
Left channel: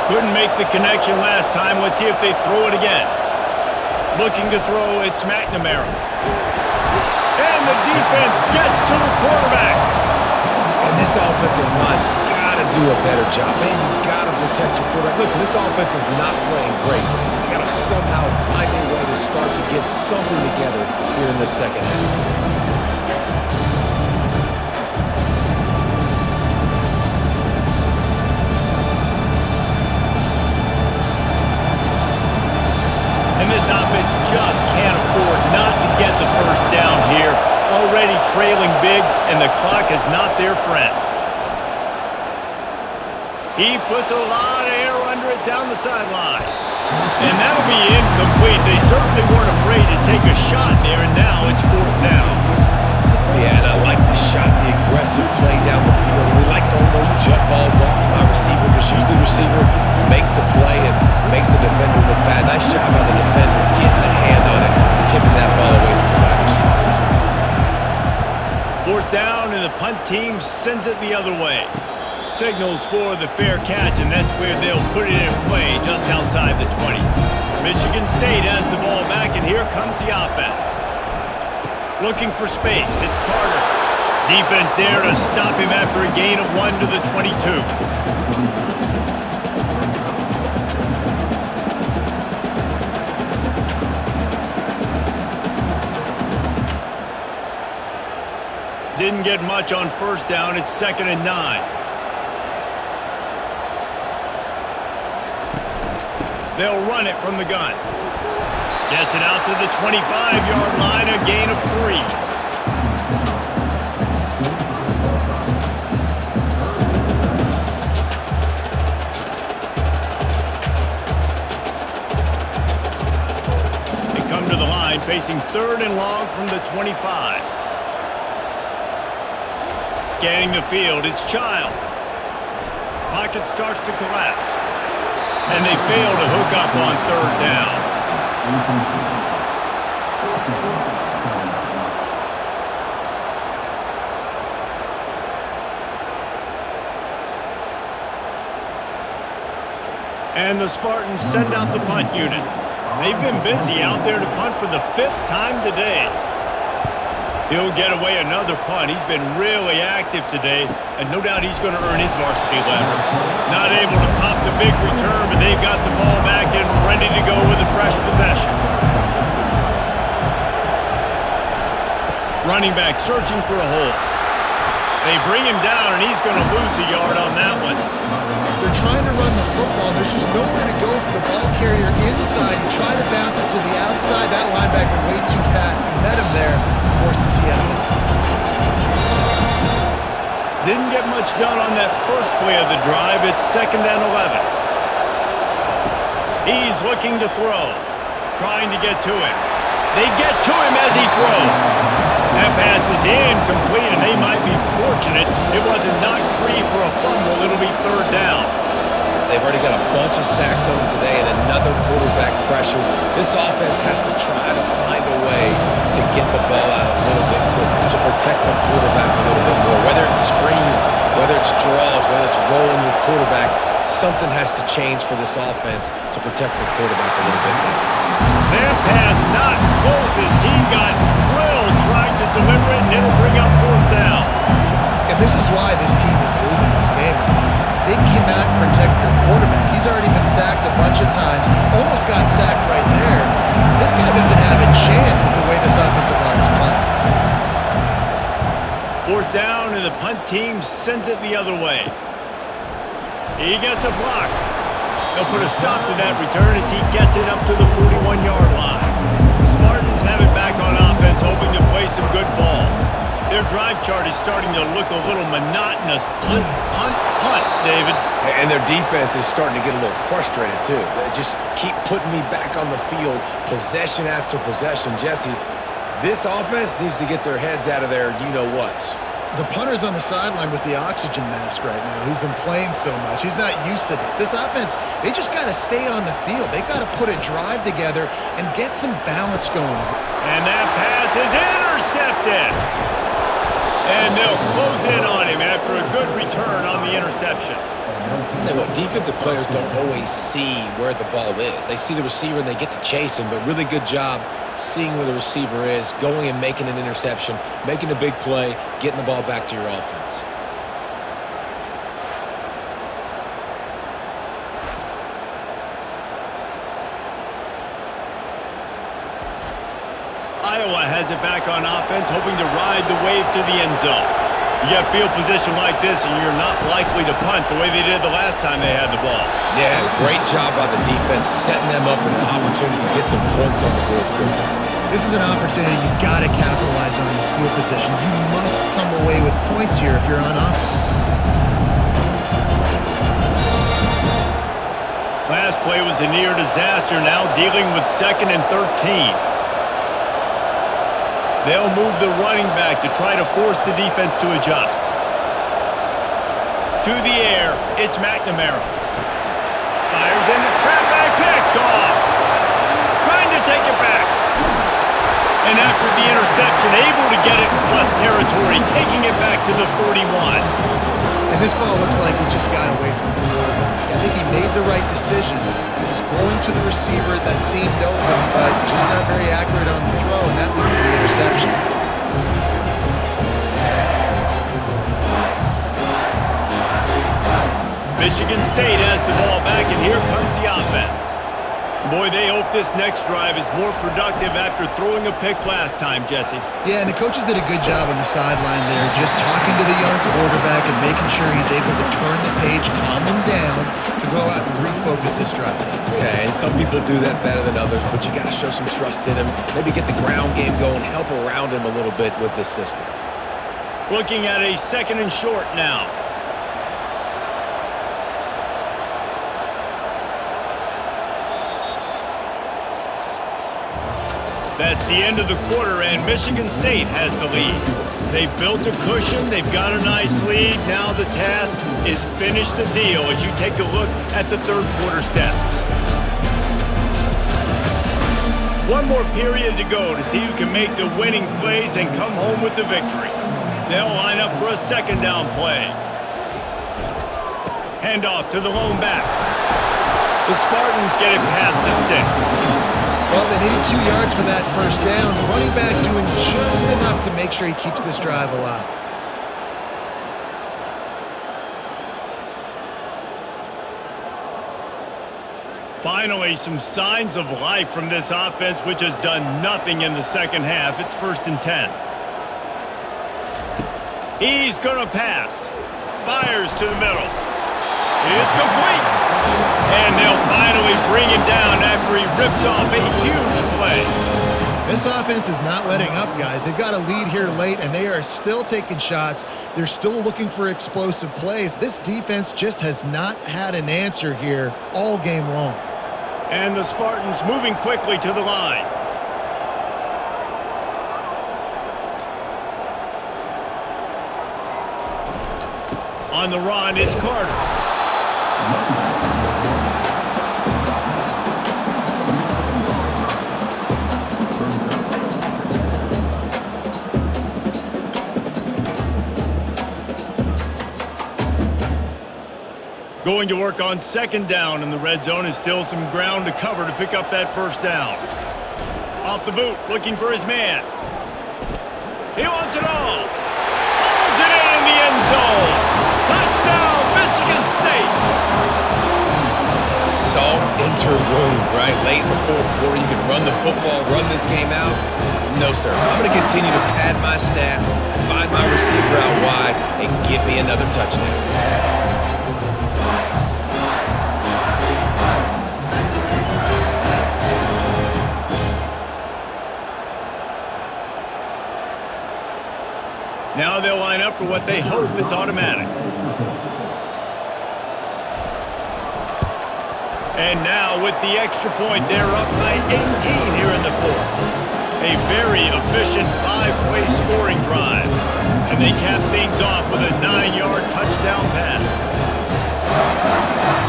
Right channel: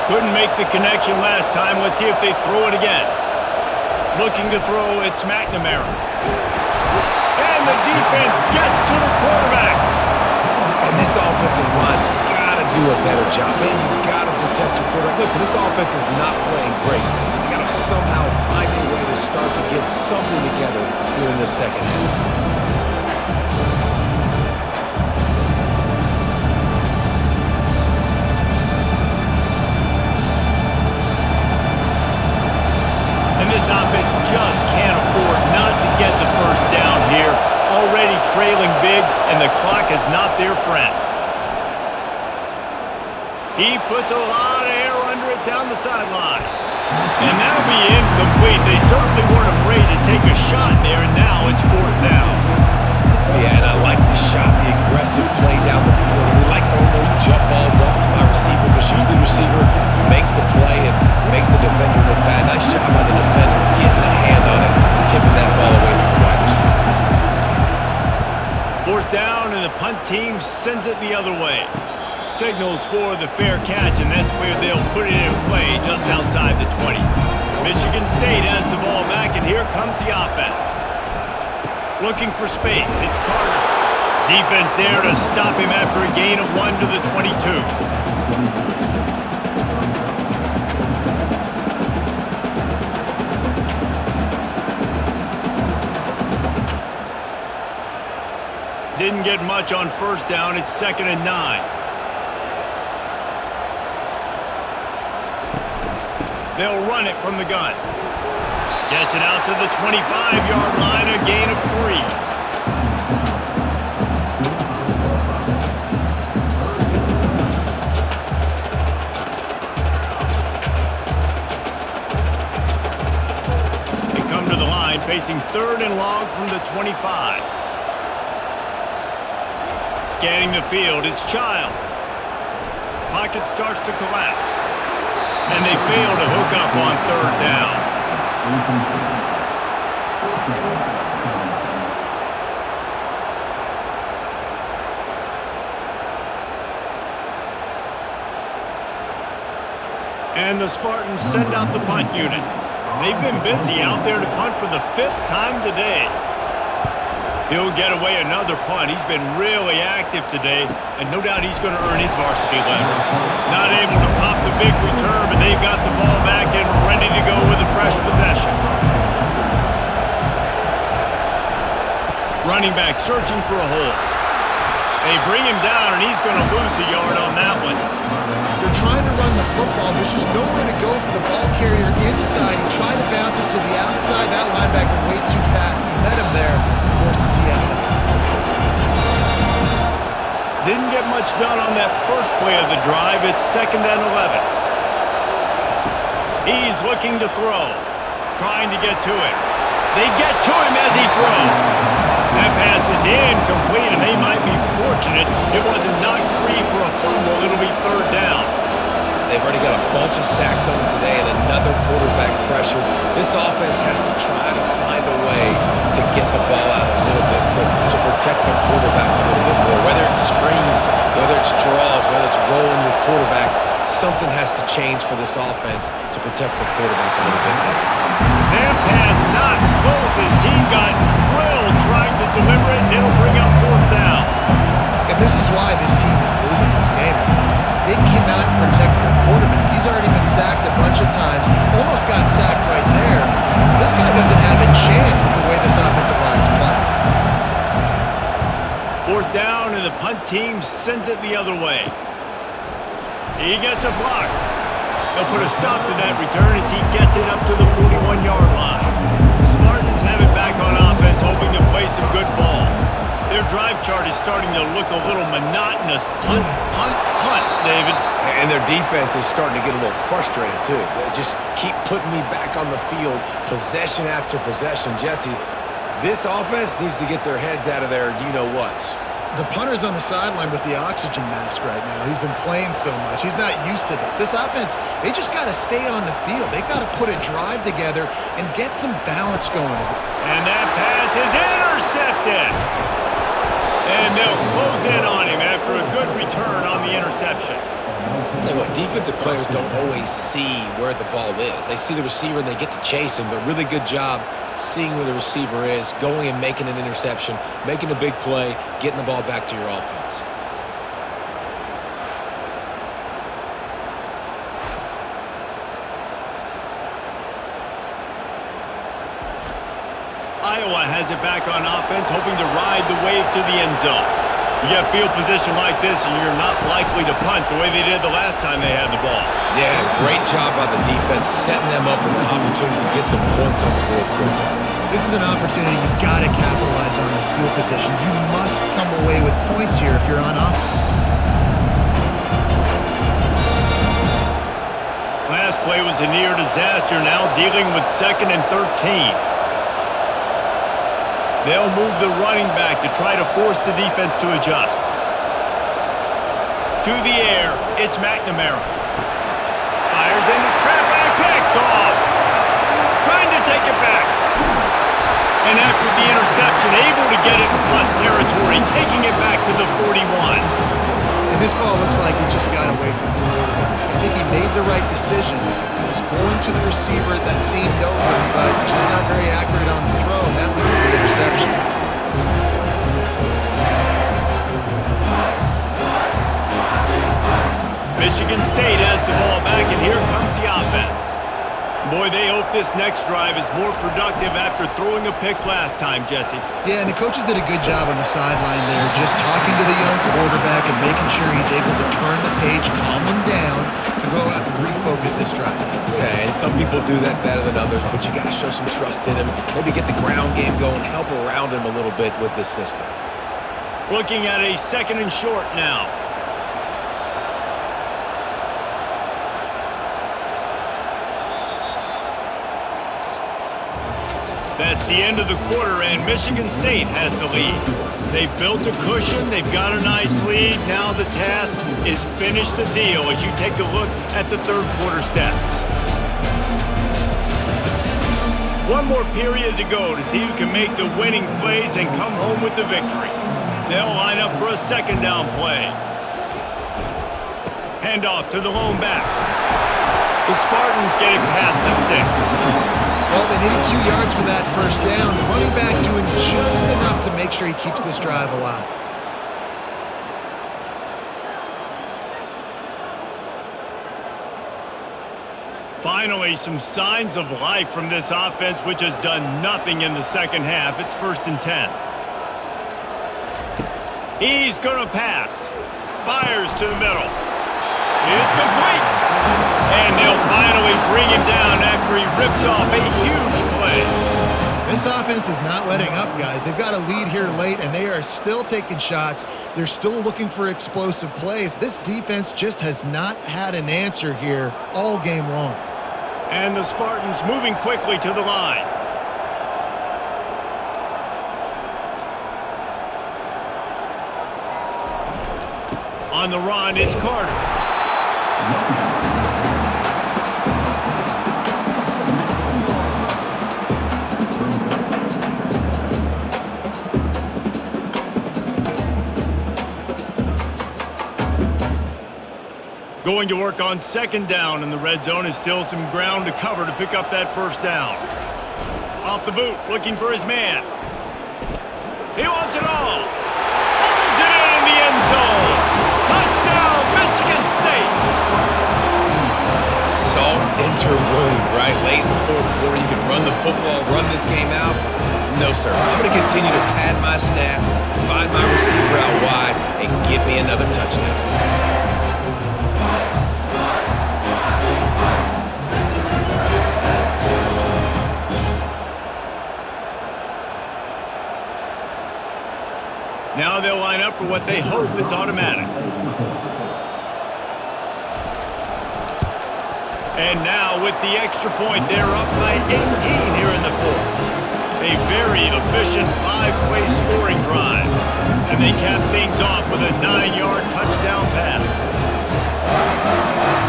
Couldn't make the connection last time. Let's see if they throw it again. Looking to throw, it's McNamara. And the defense gets to the quarterback. And this offensive line's got to do a better job. Man, you got to protect your quarterback. Listen, this offense is not playing great. They got to somehow find a way to start to get something together here in the second half. And this offense just can't afford not to get the first down here. Already trailing big, and the clock is not their friend. He puts a lot of air under it down the sideline. And that'll be incomplete. They certainly weren't afraid to take a shot there, and now it's 4th down. Yeah, and I like the shot, the aggressive play down the field. And we like throwing those jump balls up to my receiver because usually the receiver makes the play and makes the defender look bad. Nice job by the defender getting a hand on it, tipping that ball away from the wide receiver. 4th down, and the punt team sends it the other way. Signals for the fair catch, and that's where they'll put it in play just outside the 20. Michigan State has the ball back, and here comes the offense. Looking for space, it's Carter. Defense there to stop him after a gain of 1 to the 22. Didn't get much on first down. It's 2nd and 9. They'll run it from the gun. Gets it out to the 25-yard line, a gain of 3. They come to the line facing 3rd and long from the 25. Scanning the field, it's Childs. Pocket starts to collapse. And they fail to hook up on 3rd down. And the Spartans send out the punt unit. They've been busy out there to punt for the 5th time today. He'll get away another punt. He's been really active today, and no doubt he's going to earn his varsity letter. Not able to pop the big return, but they've got the ball back and ready to go with a fresh possession. Running back searching for a hole. They bring him down, and he's going to lose a yard on that one. They're trying to run the football. There's just nowhere to go for the ball carrier inside. He tried to bounce it to the outside. That linebacker way too fast. He met him there and forced the TFL. Didn't get much done on that first play of the drive. It's 2nd and 11. He's looking to throw. Trying to get to him. They get to him as he throws. That pass is incomplete, and they might be fortunate it wasn't knocked free for a fumble. It'll be 3rd down. They've already got a bunch of sacks on them today and another quarterback pressure. This offense has to try to find a way to get the ball out a little bit quicker, to protect the quarterback a little bit more. Whether it's screens, whether it's draws, whether it's rolling your quarterback, something has to change for this offense to protect the quarterback a little bit better. That pass not close as he got drilled trying to deliver it, and it'll bring up 4th down. And this is why this team is losing this game. They cannot protect their quarterback. He's already been sacked a bunch of times. Almost got sacked right there. This guy doesn't have a chance with the way this offensive line is playing. 4th down, and the punt team sends it the other way. He gets a block. They'll put a stop to that return as he gets it up to the 41-yard line. The Spartans have it back on offense, hoping to play some good ball. Their drive chart is starting to look a little monotonous. Punt, punt, punt, David. And their defense is starting to get a little frustrated, too. They just keep putting me back on the field, possession after possession. Jesse, this offense needs to get their heads out of their you-know-whats. The punter's on the sideline with the oxygen mask right now. He's been playing so much. He's not used to this. This offense, they just got to stay on the field. They've got to put a drive together and get some balance going. And that pass is intercepted. And they'll close in on him after a good return on the interception. Tell you what, defensive players don't always see where the ball is. They see the receiver and they get to chase him, but really good job seeing where the receiver is, going and making an interception, making a big play, getting the ball back to your offense. Iowa has it back on offense, hoping to ride the wave to the end zone. You get field position like this, and you're not likely to punt the way they did the last time they had the ball. Yeah, great job by the defense, setting them up in an opportunity to get some points on the board quickly. This is an opportunity you got to capitalize on this field position. You must come away with points here if you're on offense. Last play was a near disaster, now dealing with 2nd and 13. They'll move the running back to try to force the defense to adjust. To the air, it's McNamara. Fires into traffic, picked off. Trying to take it back. And after the interception, able to get it in plus territory, taking it back to the 41. And this ball looks like it just got away from the quarterback. I think he made the right decision. He was going to the receiver that seemed open, but just not very accurate on the throw, and that leads to the interception. Michigan State has the ball back, and here comes the offense. Boy, they hope this next drive is more productive after throwing a pick last time, Jesse. Yeah, and the coaches did a good job on the sideline there, just talking to the young quarterback and making sure he's able to turn the page, calm him down, to go out and refocus this drive. Yeah, and some people do that better than others, but you got to show some trust in him. Maybe get the ground game going, help around him a little bit with this system. Looking at a 2nd and short now. That's the end of the quarter, and Michigan State has the lead. They've built a cushion. They've got a nice lead. Now the task is finish the deal as you take a look at the 3rd quarter stats. One more period to go to see who can make the winning plays and come home with the victory. They'll line up for a 2nd down play. Handoff to the lone back. The Spartans get it past the sticks. Well, they needed 2 yards for that first down. The running back doing just enough to make sure he keeps this drive alive. Finally, some signs of life from this offense, which has done nothing in the second half. It's 1st and 10. He's going to pass. Fires to the middle. It's complete. And they'll finally bring him down after he rips off a huge play. This offense is not letting up, guys. They've got a lead here late, and they are still taking shots. They're still looking for explosive plays. This defense just has not had an answer here all game long. And the Spartans moving quickly to the line. On the run, it's Carter. Going to work on 2nd down, and the red zone is still some ground to cover to pick up that 1st down. Off the boot, looking for his man. He wants it all. Pulls it in the end zone. Touchdown, Michigan State. Salt enter wound, right? Late in the 4th quarter, you can run the football, run this game out. No, sir. I'm going to continue to pad my stats, find my receiver out wide, and get me another touchdown. Now they'll line up for what they hope is automatic. And now with the extra point, they're up by 18 here in the 4th. A very efficient 5-play scoring drive. And they cap things off with a 9-yard touchdown pass.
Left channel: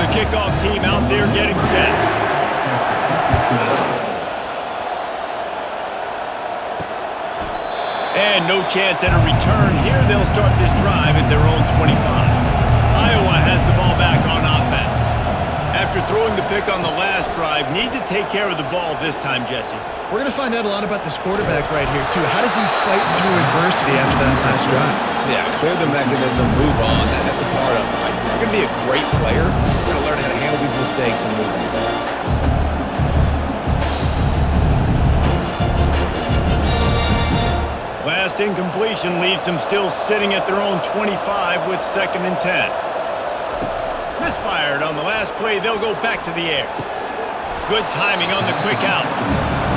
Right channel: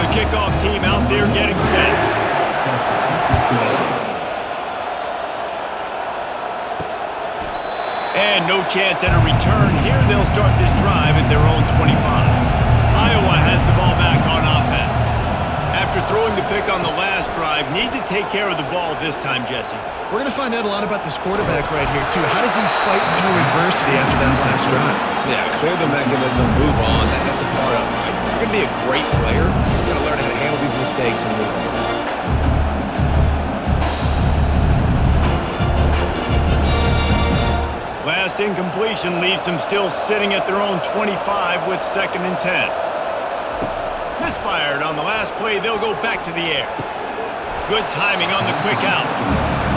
The kickoff team out there getting set. And no chance at a return. Here they'll start this drive at their own 25. Iowa has the ball back on offense. After throwing the pick on the last drive, need to take care of the ball this time, Jesse. We're going to find out a lot about this quarterback right here, too. How does he fight through adversity after that last drive? Yeah, clear the mechanism, move on. That's a part of it, right? If you're going to be a great player, you've got to learn how to handle these mistakes and move on. Last incompletion leaves them still sitting at their own 25 with 2nd and 10. Misfired on the last play. They'll go back to the air. Good timing on the quick out.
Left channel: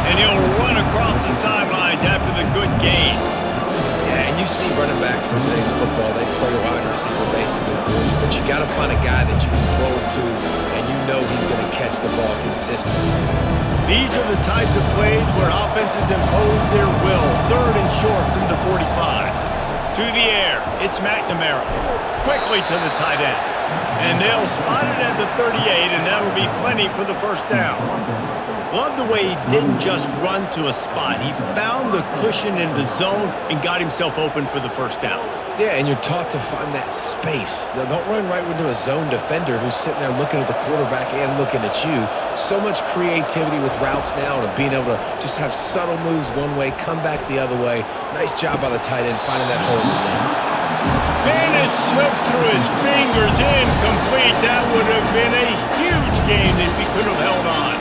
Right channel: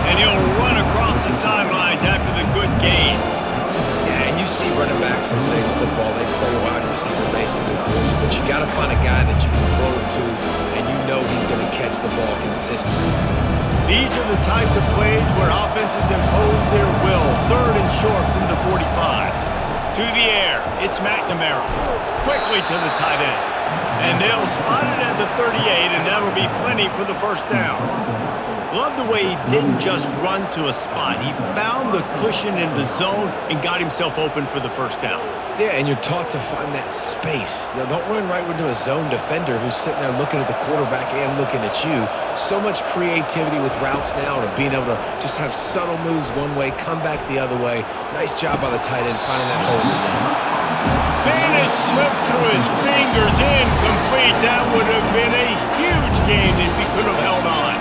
And he'll run across the sidelines after the good gain. Yeah, and you see running backs in today's football, they play wide receiver basically for you. But you got to find a guy that you can throw it to, and you know he's going to catch the ball consistently. These are the types of plays where offenses impose their will. 3rd and short from the 45. To the air, it's McNamara. Quickly to the tight end. And they'll spot it at the 38, and that'll be plenty for the 1st down. Love the way he didn't just run to a spot. He found the cushion in the zone and got himself open for the 1st down. Yeah, and you're taught to find that space. Now, don't run right into a zone defender who's sitting there looking at the quarterback and looking at you. So much creativity with routes now and being able to just have subtle moves one way, come back the other way. Nice job by the tight end finding that hole in the zone. And it slips through his fingers, incomplete. That would have been a huge gain if he could have held on.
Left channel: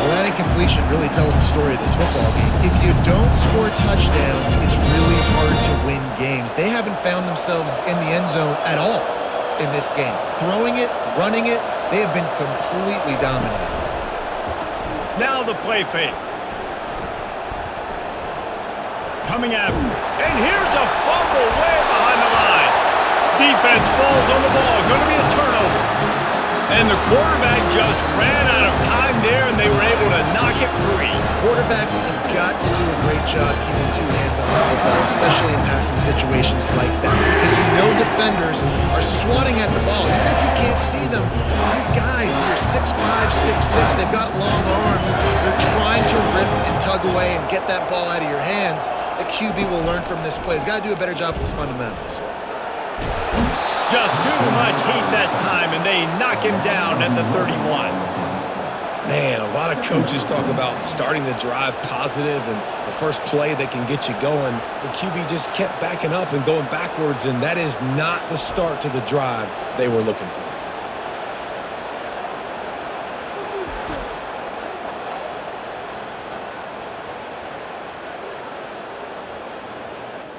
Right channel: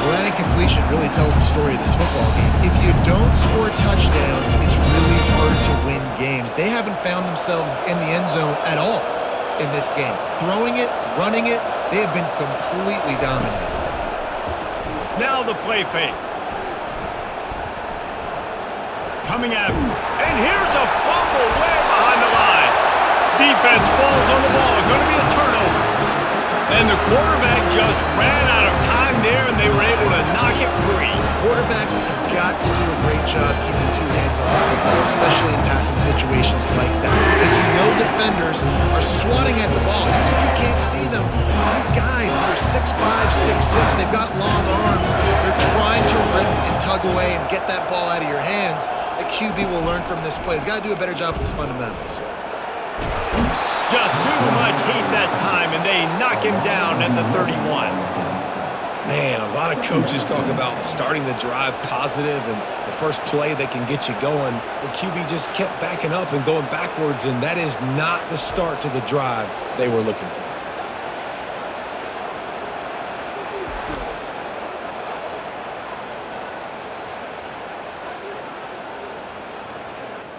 Well, that incompletion really tells the story of this football game. If you don't score touchdowns, it's really hard to win games. They haven't found themselves in the end zone at all in this game. Throwing it, running it, they have been completely dominated. Now the play fake. Coming after. And here's a fumble way behind the line. Defense falls on the ball. Going to be a turnover. And the quarterback just ran out of time there, and they were able to knock it free. Quarterbacks have got to do a great job keeping 2 hands on the football, especially in passing situations like that, because you know defenders are swatting at the ball. Even if you can't see them, these guys, they're 6'5", 6'6", they've got long arms. They're trying to rip and tug away and get that ball out of your hands. The QB will learn from this play. He's got to do a better job with his fundamentals. Just too much heat that time, and they knock him down at the 31. Man, a lot of coaches talk about starting the drive positive and a first play that can get you going. The QB just kept backing up and going backwards, and that is not the start to the drive they were looking for.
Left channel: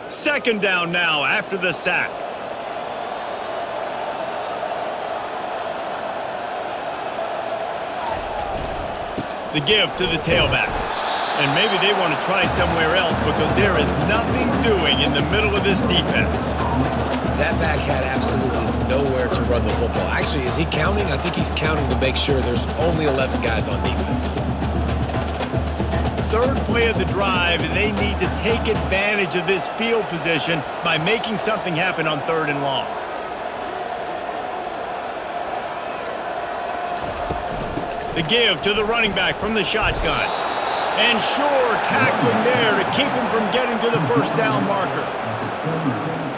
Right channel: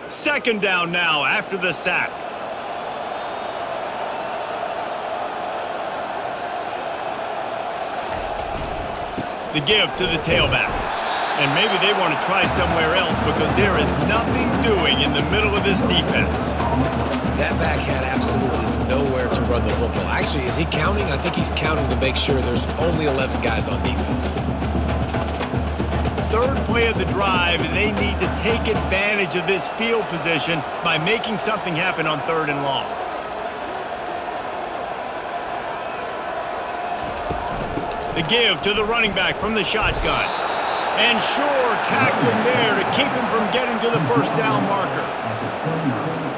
Second down now after the sack. The give to the tailback. And maybe they want to try somewhere else because there is nothing doing in the middle of this defense. That back had absolutely nowhere to run the football. Actually, is he counting? I think he's counting to make sure there's only 11 guys on defense. Third play of the drive, and they need to take advantage of this field position by making something happen on 3rd and long. The give to the running back from the shotgun. And sure, tackling there to keep him from getting to the first down marker. At the 29,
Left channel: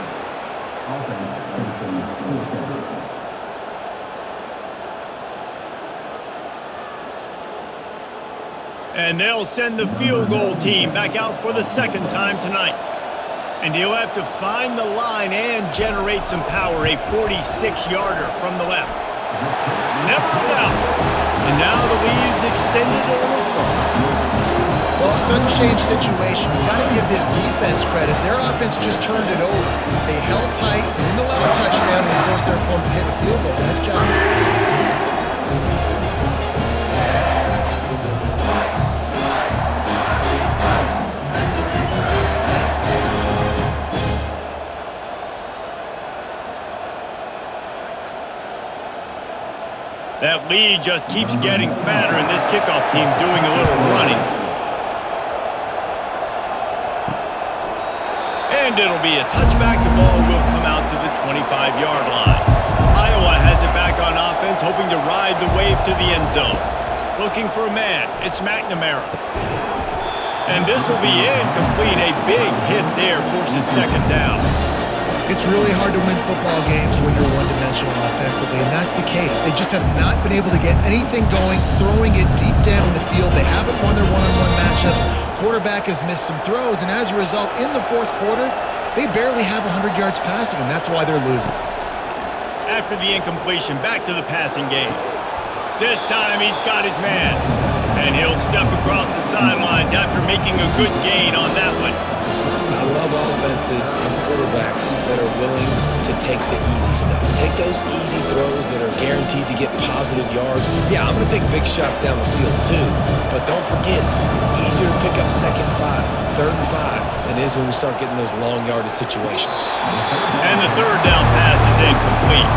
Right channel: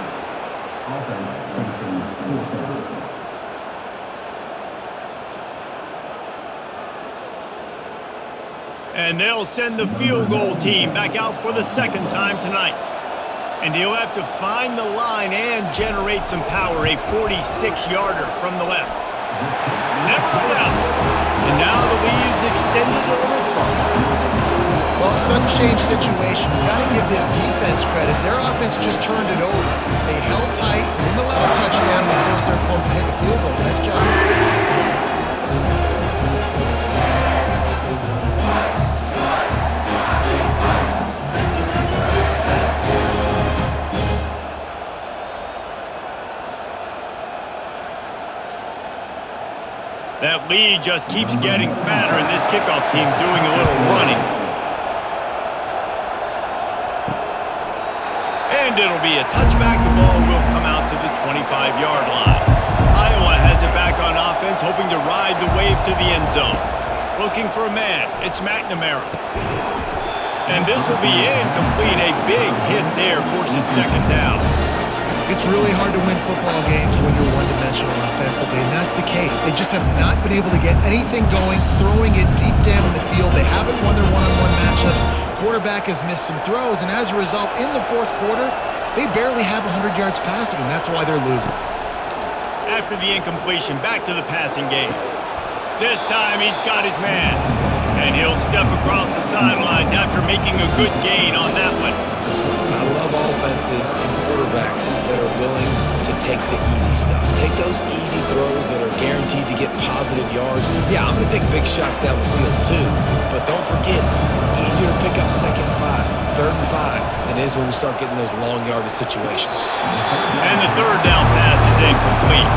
offense facing 4th down. And they'll send the field goal team back out for the second time tonight. And he'll have to find the line and generate some power, a 46-yarder from the left. Never a doubt. And now the lead is extended a little further. Well, sudden change situation. You got to give this defense credit. Their offense just turned it over. They held tight. They didn't allow a touchdown. They forced their opponent to kick a field goal. Nice job. That lead just keeps getting fatter, and this kickoff team doing a little running. And it'll be a touchback. The ball will come out to the 25-yard line. Iowa has it back on offense, hoping to ride the wave to the end zone. Looking for a man. It's McNamara. And this will be incomplete. A big hit there forces second down. It's really hard to win football games when you're one-dimensional offensively, and that's the case. They just have not been able to get anything going, throwing it deep down the field. They haven't won their one-on-one matchups. Quarterback has missed some throws, and as a result, in the fourth quarter, they barely have 100 yards passing, and that's why they're losing. After the incompletion, back to the passing game. This time he's got his man, and he'll step across the sidelines after making a good gain on that one. I love offenses and quarterbacks that are willing to take the easy stuff. Take those easy throws that are guaranteed to get positive yards. Yeah, I'm going to take big shots down the field too, but don't forget, it's easier to pick up 2nd and 5, 3rd and 5 than it is when we start getting those long yardage situations. And the third down pass is incomplete.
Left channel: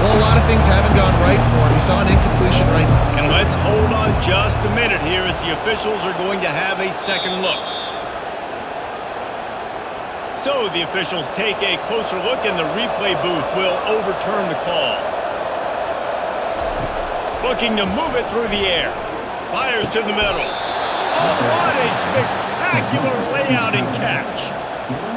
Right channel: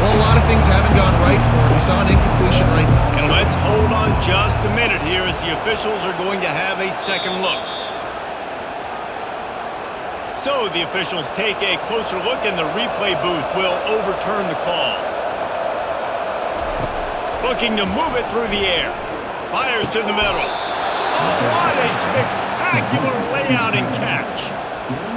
Well, a lot of things haven't gone right for him. He saw an incompletion right. And let's hold on just a minute here as the officials are going to have a second look. So the officials take a closer look, and the replay booth will overturn the call. Looking to move it through the air. Fires to the middle. Oh, what a spectacular layout and catch.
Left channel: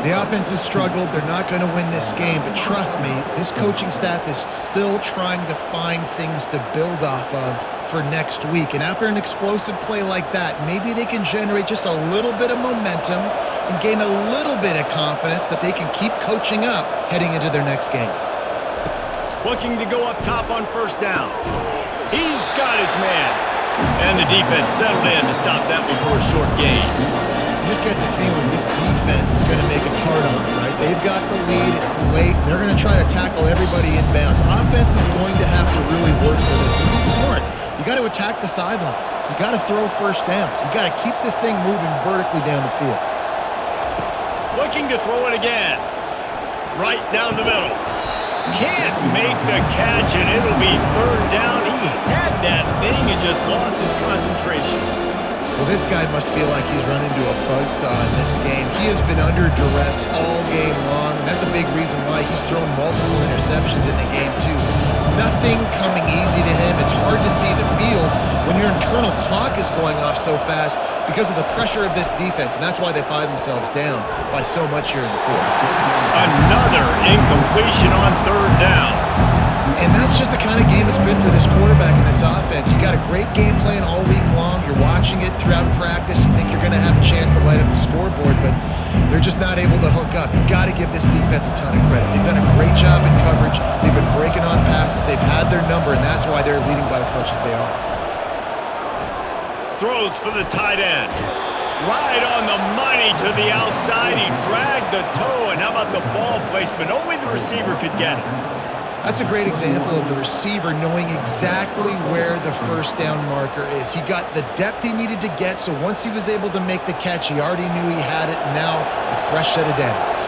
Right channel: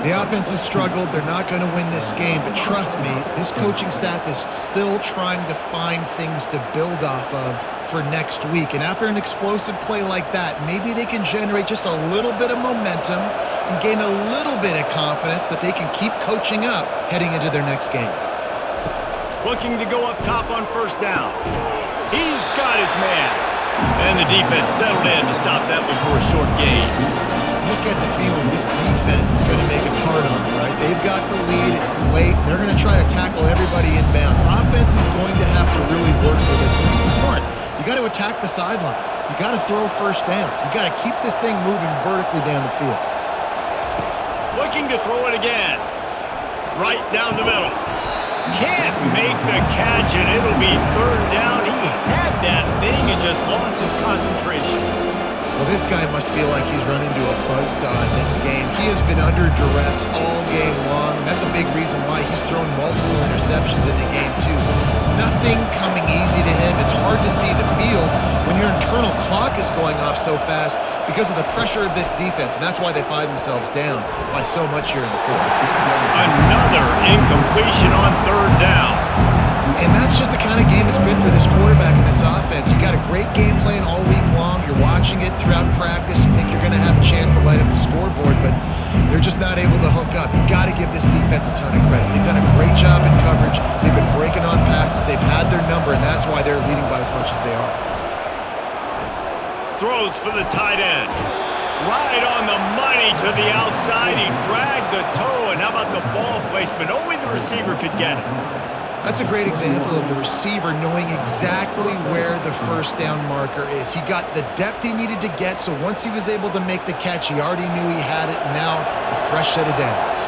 The offense has struggled. They're not going to win this game, but trust me, this coaching staff is still trying to find things to build off of for next week. And after an explosive play like that, maybe they can generate just a little bit of momentum and gain a little bit of confidence that they can keep coaching up heading into their next game. Looking to go up top on first down. He's got his man. And the defense settled in to stop that one for a short gain. You just get the feeling this defense is going to make it hard on them, right? They've got the lead. It's late. They're going to try to tackle everybody inbounds. Offense is going to have to really work for this and be smart. You got to attack the sidelines. You got to throw first downs. You got to keep this thing moving vertically down the field. Looking to throw it again. Right down the middle. Can't make the catch, and it'll be third down. He had that thing and just lost his concentration. Well, this guy must feel like he's run into a buzzsaw in this game. He has been under duress all game long, and that's a big reason why he's thrown multiple interceptions in the game, too. Nothing coming easy to him. It's hard to see the field when your internal clock is going off so fast because of the pressure of this defense, and that's why they find themselves down by so much here in the fourth. Another incompletion on third down. And that's just the kind of game it's been for this quarterback and this offense. You got a great game plan all week long. You're watching it throughout practice. You think you're going to have a chance to light up the scoreboard, but they're just not able to hook up. You got to give this defense a ton of credit. They've done a great job in coverage. They've been breaking on passes. They've had their number, and that's why they're leading by as much as they are. Throws for the tight end. Right on the money to the outside. He dragged the toe, and how about the ball placement? Only the receiver could get it. That's a great example of the receiver knowing exactly where the first down marker is. He got the depth he needed to get, so once he was able to make the catch, he already knew he had it. Now a fresh set of downs.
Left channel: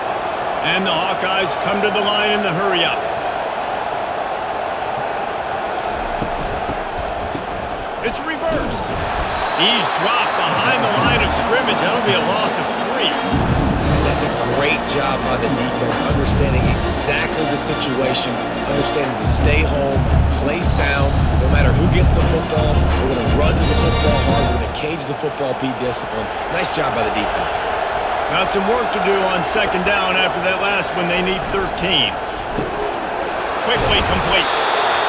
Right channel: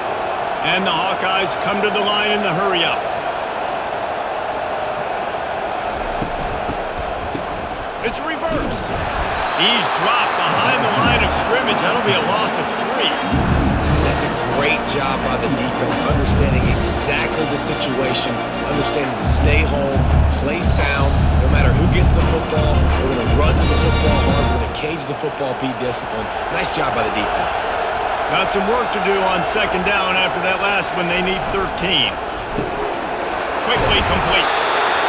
And the Hawkeyes come to the line in the hurry-up. It's a reverse. He's dropped behind the line of scrimmage. That'll be a loss of 3. And that's a great job by the defense, understanding exactly the situation, understanding to stay home, play sound. No matter who gets the football, we're going to run to the football hard. We're going to cage the football, be disciplined. Nice job by the defense. Got some work to do on second down after that last one. They need 13. Quickly complete.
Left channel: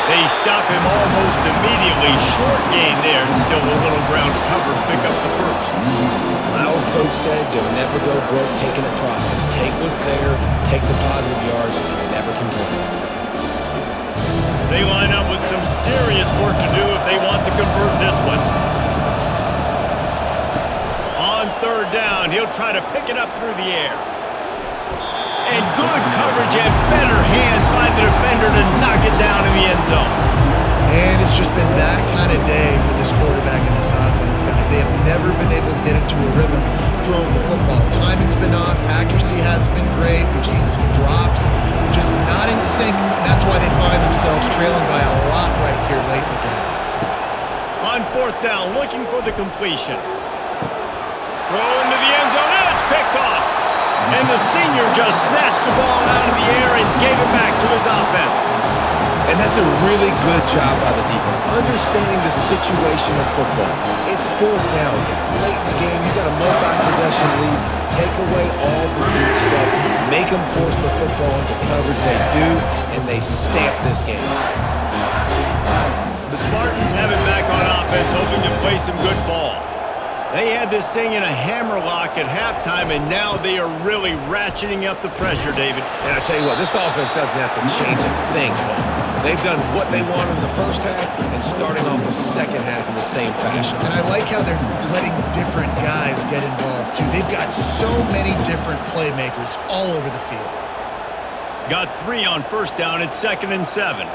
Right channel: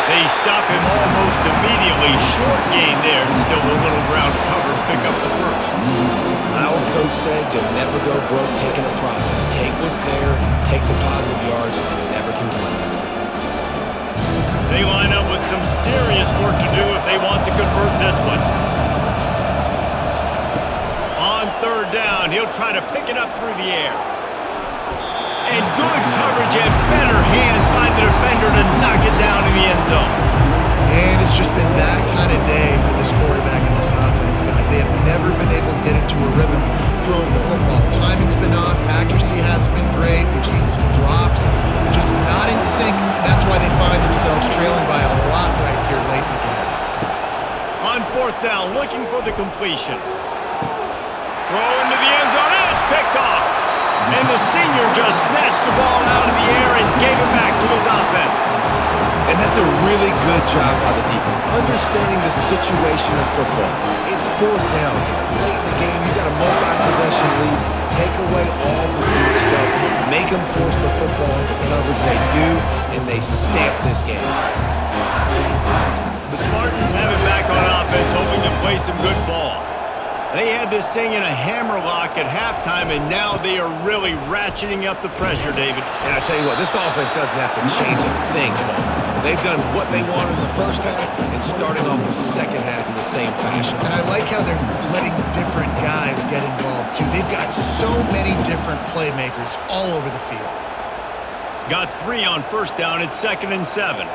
They stop him almost immediately. Short gain there, and still a little ground to cover to pick up the first. My old coach said, you'll never go broke taking a profit. Take what's there, take the positive yards, and never complain. They line up with some serious work to do if they want to convert this one. On third down, he'll try to pick it up through the air. And good coverage and better hands by the defender to knock it down in the end zone. And it's just been that kind of day for this quarterback and this offense, guys. They have never been able to get into a rhythm throwing the football. Timing's been off. Accuracy hasn't been great. We've seen some drops. Just not in sync. That's why they find themselves trailing by a lot right here late in the game. On fourth down, looking for the completion. Throw into the end zone. And it's picked off. And the senior just snatched the ball out of the air and gave it back to his offense. And that's a really good job by the defense, understanding the situation of football. It's fourth down. It's late in the game. You got a multi-possession lead. Take away all the deep stuff. Make them force the football into coverage. They do, and they stamp this game. The Spartans have it back on offense, hoping to play some good ball. They had this thing in a hammerlock at halftime, and now they are really ratcheting up the pressure, David. And I tell you what, this offense doesn't have to change a thing, Paul. They've done what they wanted in the first half and starting off the second half in the same fashion. And I like how they're letting different guys get involved, too. They've got so many different playmakers all over the field. Got 3 on first down. It's 2nd and 7.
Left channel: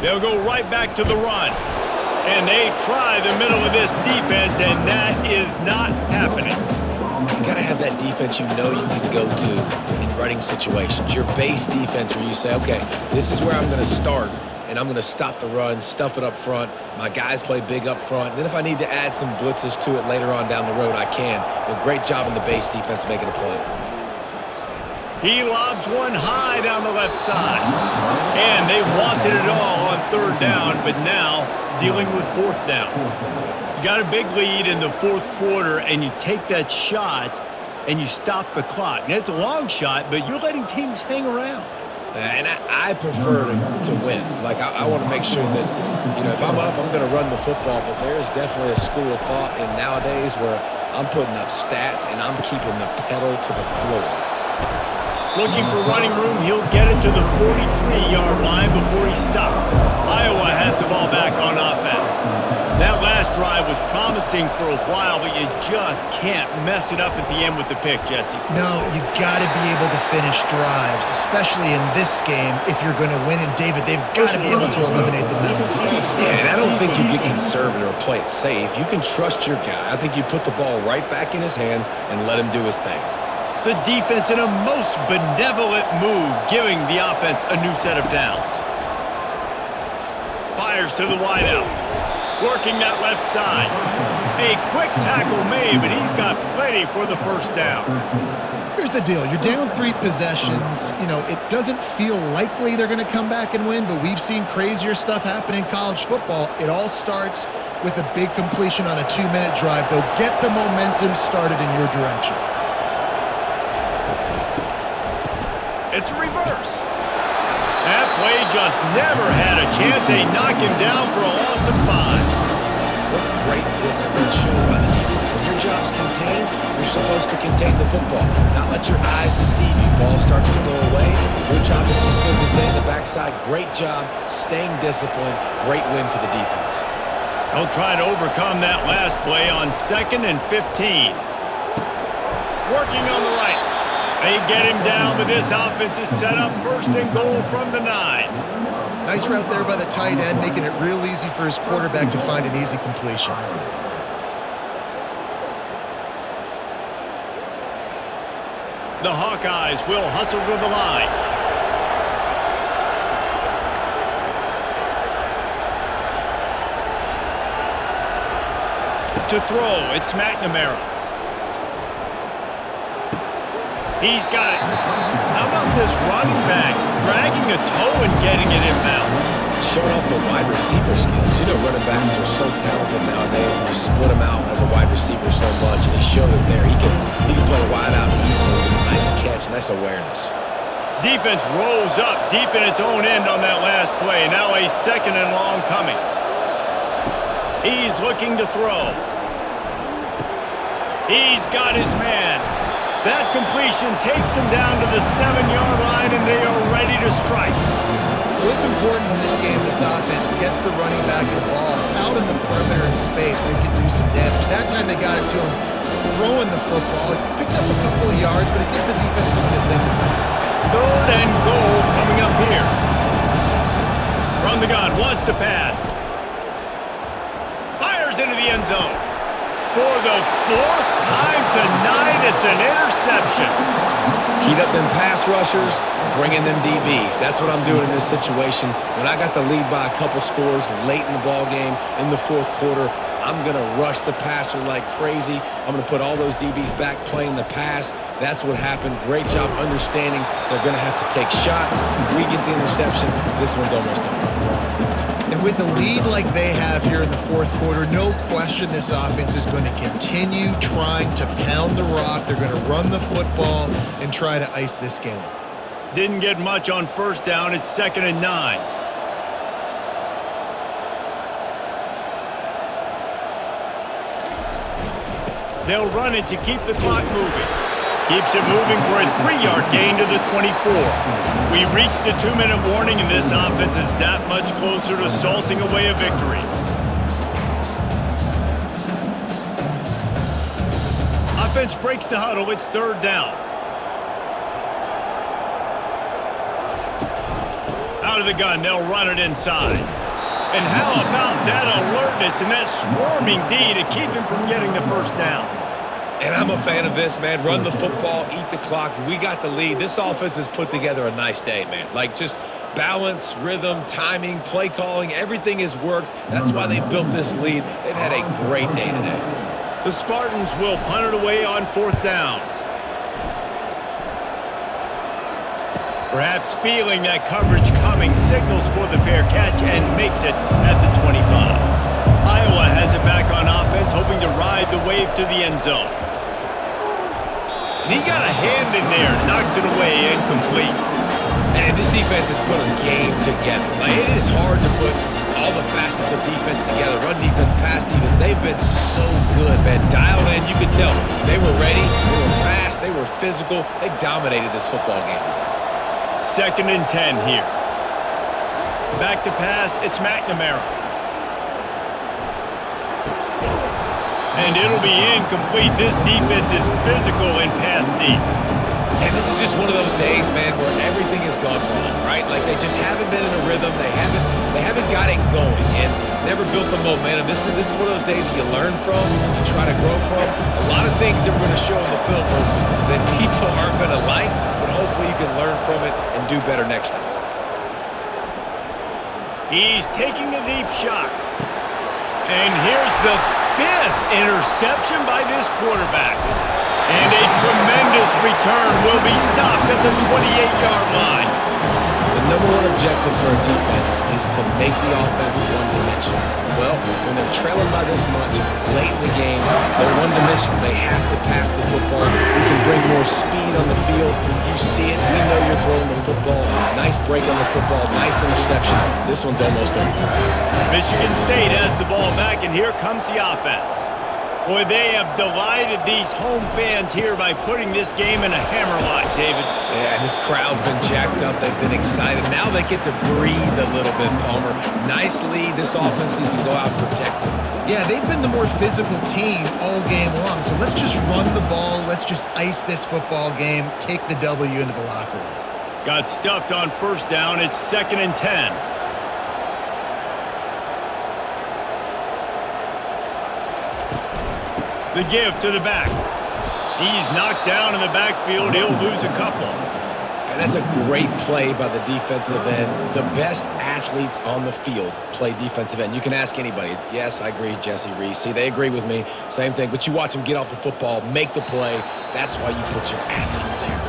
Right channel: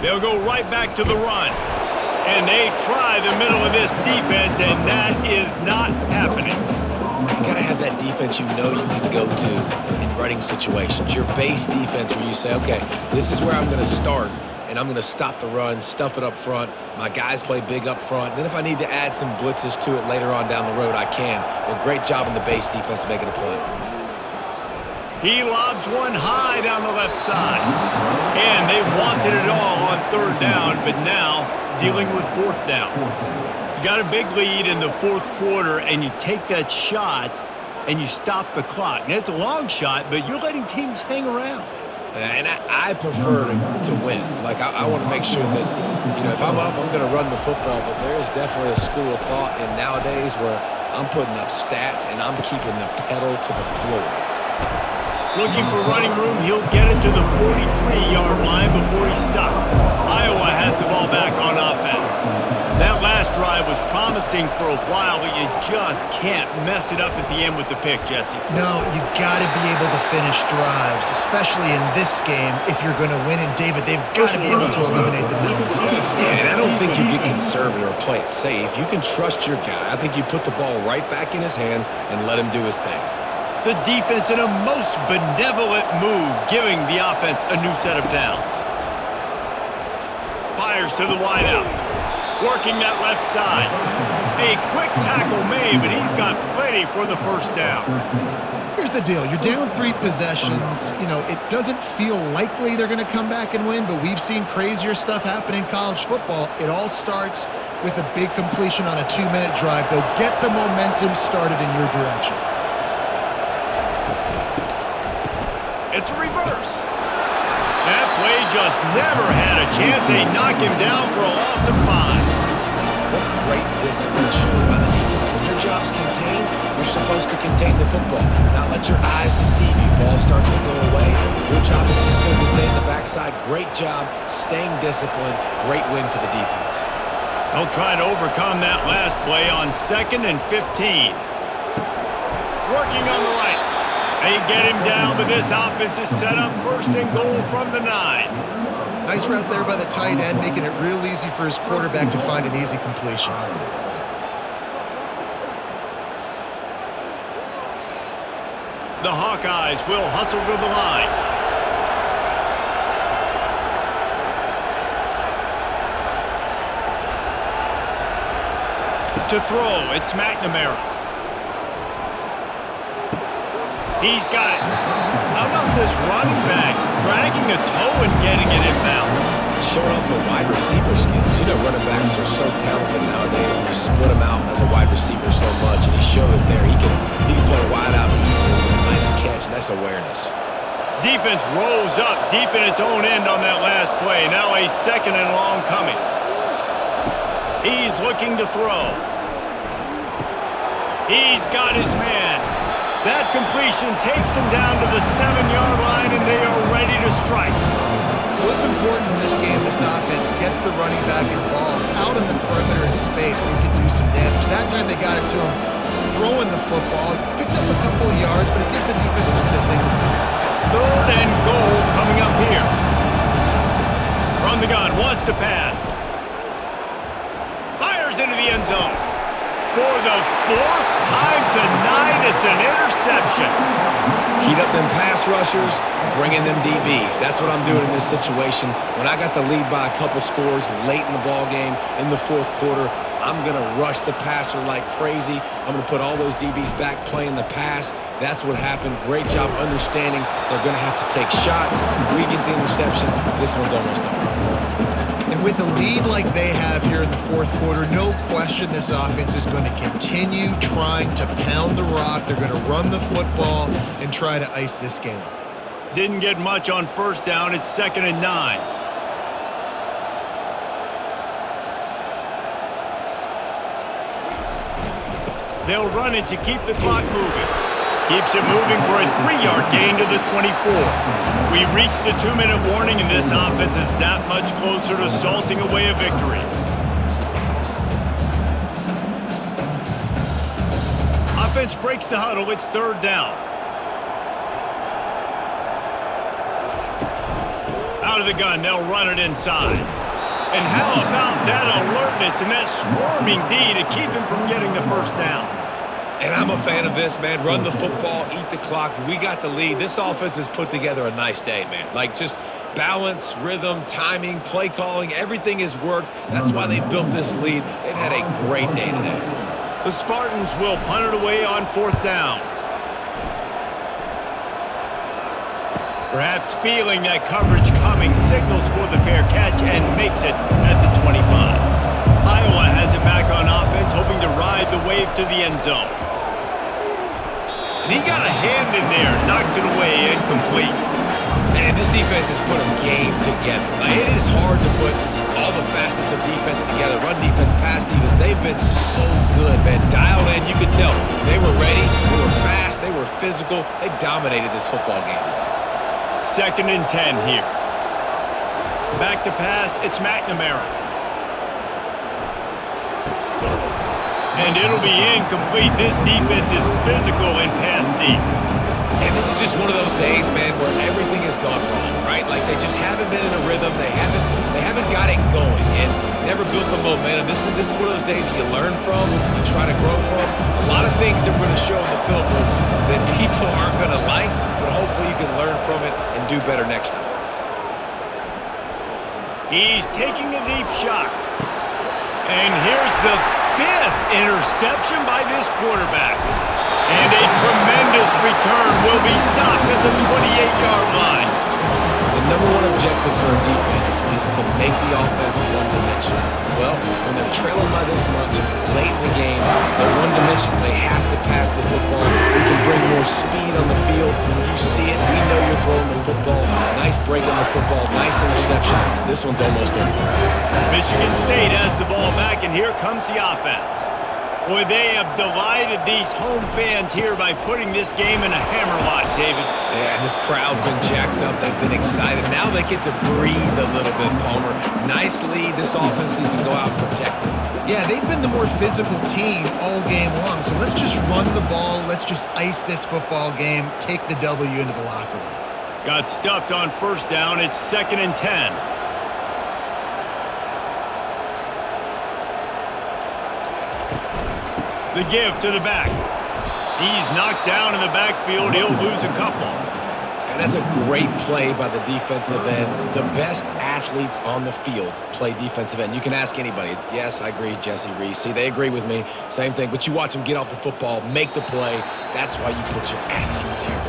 They'll go right back to the run. And they try the middle of this defense, and that is not happening. You got to have that defense you know you can go to in running situations. Your base defense where you say, okay, this is where I'm going to start, and I'm going to stop the run, stuff it up front. My guys play big up front. And then if I need to add some blitzes to it later on down the road, I can. But great job in the base defense making a play. He lobs one high down the left side. And they wanted it all on third down, but now dealing with fourth down. You got a big lead in the fourth quarter, and you take that shot, and you stop the clock. Now, it's a long shot, but you're letting teams hang around. And I prefer to win. Like, I want to make sure that, you know, if I'm up, I'm going to run the football. But there is definitely a school of thought in nowadays where I'm putting up stats, and I'm keeping the pedal to the floor. Looking for running room, he'll get it to the 43-yard line before he's stopped. Iowa has the ball back on offense. That last drive was promising for a while, but you just can't mess it up at the end with the pick, Jesse. No, you got to be able to finish drives, especially in this game if you're going to win. And, David, they've got to be able to eliminate the mental mistakes. Yeah, and I don't think you get conservative or play it safe. You can trust your guy. I think you put the ball right back in his hands and let him do his thing. The defense in a most benevolent move, giving the offense a new set of downs. Fires to the wideout. Working that left side. A quick tackle made, but he's got plenty for the first down. Here's the deal. You're down 3 possessions. You know, it doesn't feel likely they're going to come back and win, but we've seen crazier stuff happen in college football. It all starts with a big completion on a 2-minute drive. They'll get the momentum started in your direction. It's a reverse. That play just never had a chance. They knock him down for a loss of 5. What great discipline shown by the defense. When your job's contained, you're supposed to contain the football, not let your eyes deceive you. Ball starts to go away. Your job is to still contain the backside. Great job staying disciplined. Great win for the defense. They'll try to overcome that last play on 2nd and 15. Working on the right. They get him down, but this offense is set up 1st and goal from the 9. Nice route there by the tight end, making it real easy for his quarterback to find an easy completion. The Hawkeyes will hustle to the line. To throw, it's McNamara. He's got it. How about this running back dragging a toe and getting it inbounds? Showing off the wide receiver skills. You know, running backs are so talented nowadays, and you split them out as a wide receiver so much, and he showed it there. He can play wide out easily with a nice catch, nice awareness. Defense rose up deep in its own end on that last play. Now a 2nd and long coming. He's looking to throw. He's got his man. That completion takes them down to the 7-yard line, and they are ready to strike. What's important in this game, this offense gets the running back involved out in the perimeter in space where he can do some damage. That time they got it to him throwing the football. He picked up a couple of yards, but it gives the defense something to think about. 3rd and goal coming up here. From the gun, wants to pass. Fires into the end zone. For the 4th time tonight, it's an interception. Heat up them pass rushers, bring in them DBs. That's what I'm doing in this situation. When I got the lead by a couple scores late in the ball game, in the 4th quarter, I'm going to rush the passer like crazy. I'm going to put all those DBs back playing the pass. That's what happened. Great job understanding they're going to have to take shots. We get the interception. This one's almost over. And with a lead like they have here in the 4th quarter, no question this offense is going to continue trying to pound the rock. They're going to run the football and try to ice this game. Didn't get much on 1st down. It's 2nd and 9. They'll run it to keep the clock moving. Keeps it moving for a 3-yard gain to the 24. We reached the 2-minute warning, and this offense is that much closer to salting away a victory. Offense breaks the huddle. It's 3rd down. Out of the gun, they'll run it inside. And how about that alertness and that swarming D to keep him from getting the 1st down? And I'm a fan of this, man. Run the football, eat the clock. We got the lead. This offense has put together a nice day, man. Like, just balance, rhythm, timing, play calling, everything has worked. That's why they've built this lead. They've had a great day today. The Spartans will punt it away on 4th down. Perhaps feeling that coverage coming, signals for the fair catch and makes it at the 25. Iowa has it back on offense, hoping to ride the wave to the end zone. And he got a hand in there, knocks it away, incomplete. And this defense has put a game together. Like, it is hard to put all the facets of defense together. Run defense, pass defense. They've been so good, man. Dialed in, you could tell. They were ready, they were fast, they were physical. They dominated this football game today. 2nd and 10 here. Back to pass, it's McNamara. And it'll be incomplete. This defense is physical and pass deep. And this is just one of those days, man, where everything has gone wrong, right? Like, they just haven't been in a rhythm. They haven't got it going and never built the momentum. This is one of those days you learn from, you try to grow from. A lot of things that we're going to show in the film room that people aren't going to like, but hopefully you can learn from it and do better next time. He's taking a deep shot. And here's the 5th interception by this quarterback. And a tremendous return will be stopped at the 28-yard line. The The number one objective for a defense is to make the offense one-dimensional. Well, when they're trailing by this much late in the game, they're one-dimensional. They have to pass the football. We can bring more speed on the field. You see it. We know you're throwing the football. Nice break on the football. Nice interception. This one's almost over. Michigan State has the ball back, and here comes the offense. Boy, they have delighted these home fans here by putting this game in a hammerlock, David. Yeah, this crowd's been jacked up. They've been excited. Now they get to breathe a little bit, Palmer. Nice lead. This offense needs to go out and protect it. Yeah, they've been the more physical team all game long. So let's just run the ball. Let's just ice this football game. Take the W into the locker room. Got stuffed on first down. It's 2nd and 10. The give to the back. He's knocked down in the backfield. He'll lose a couple. And that's a great play by the defensive end. The best athletes on the field play defensive end. You can ask anybody. Yes, I agree, Jesse Reese. See, they agree with me. Same thing. But you watch them get off the football, make the play. That's why you put your athletes there.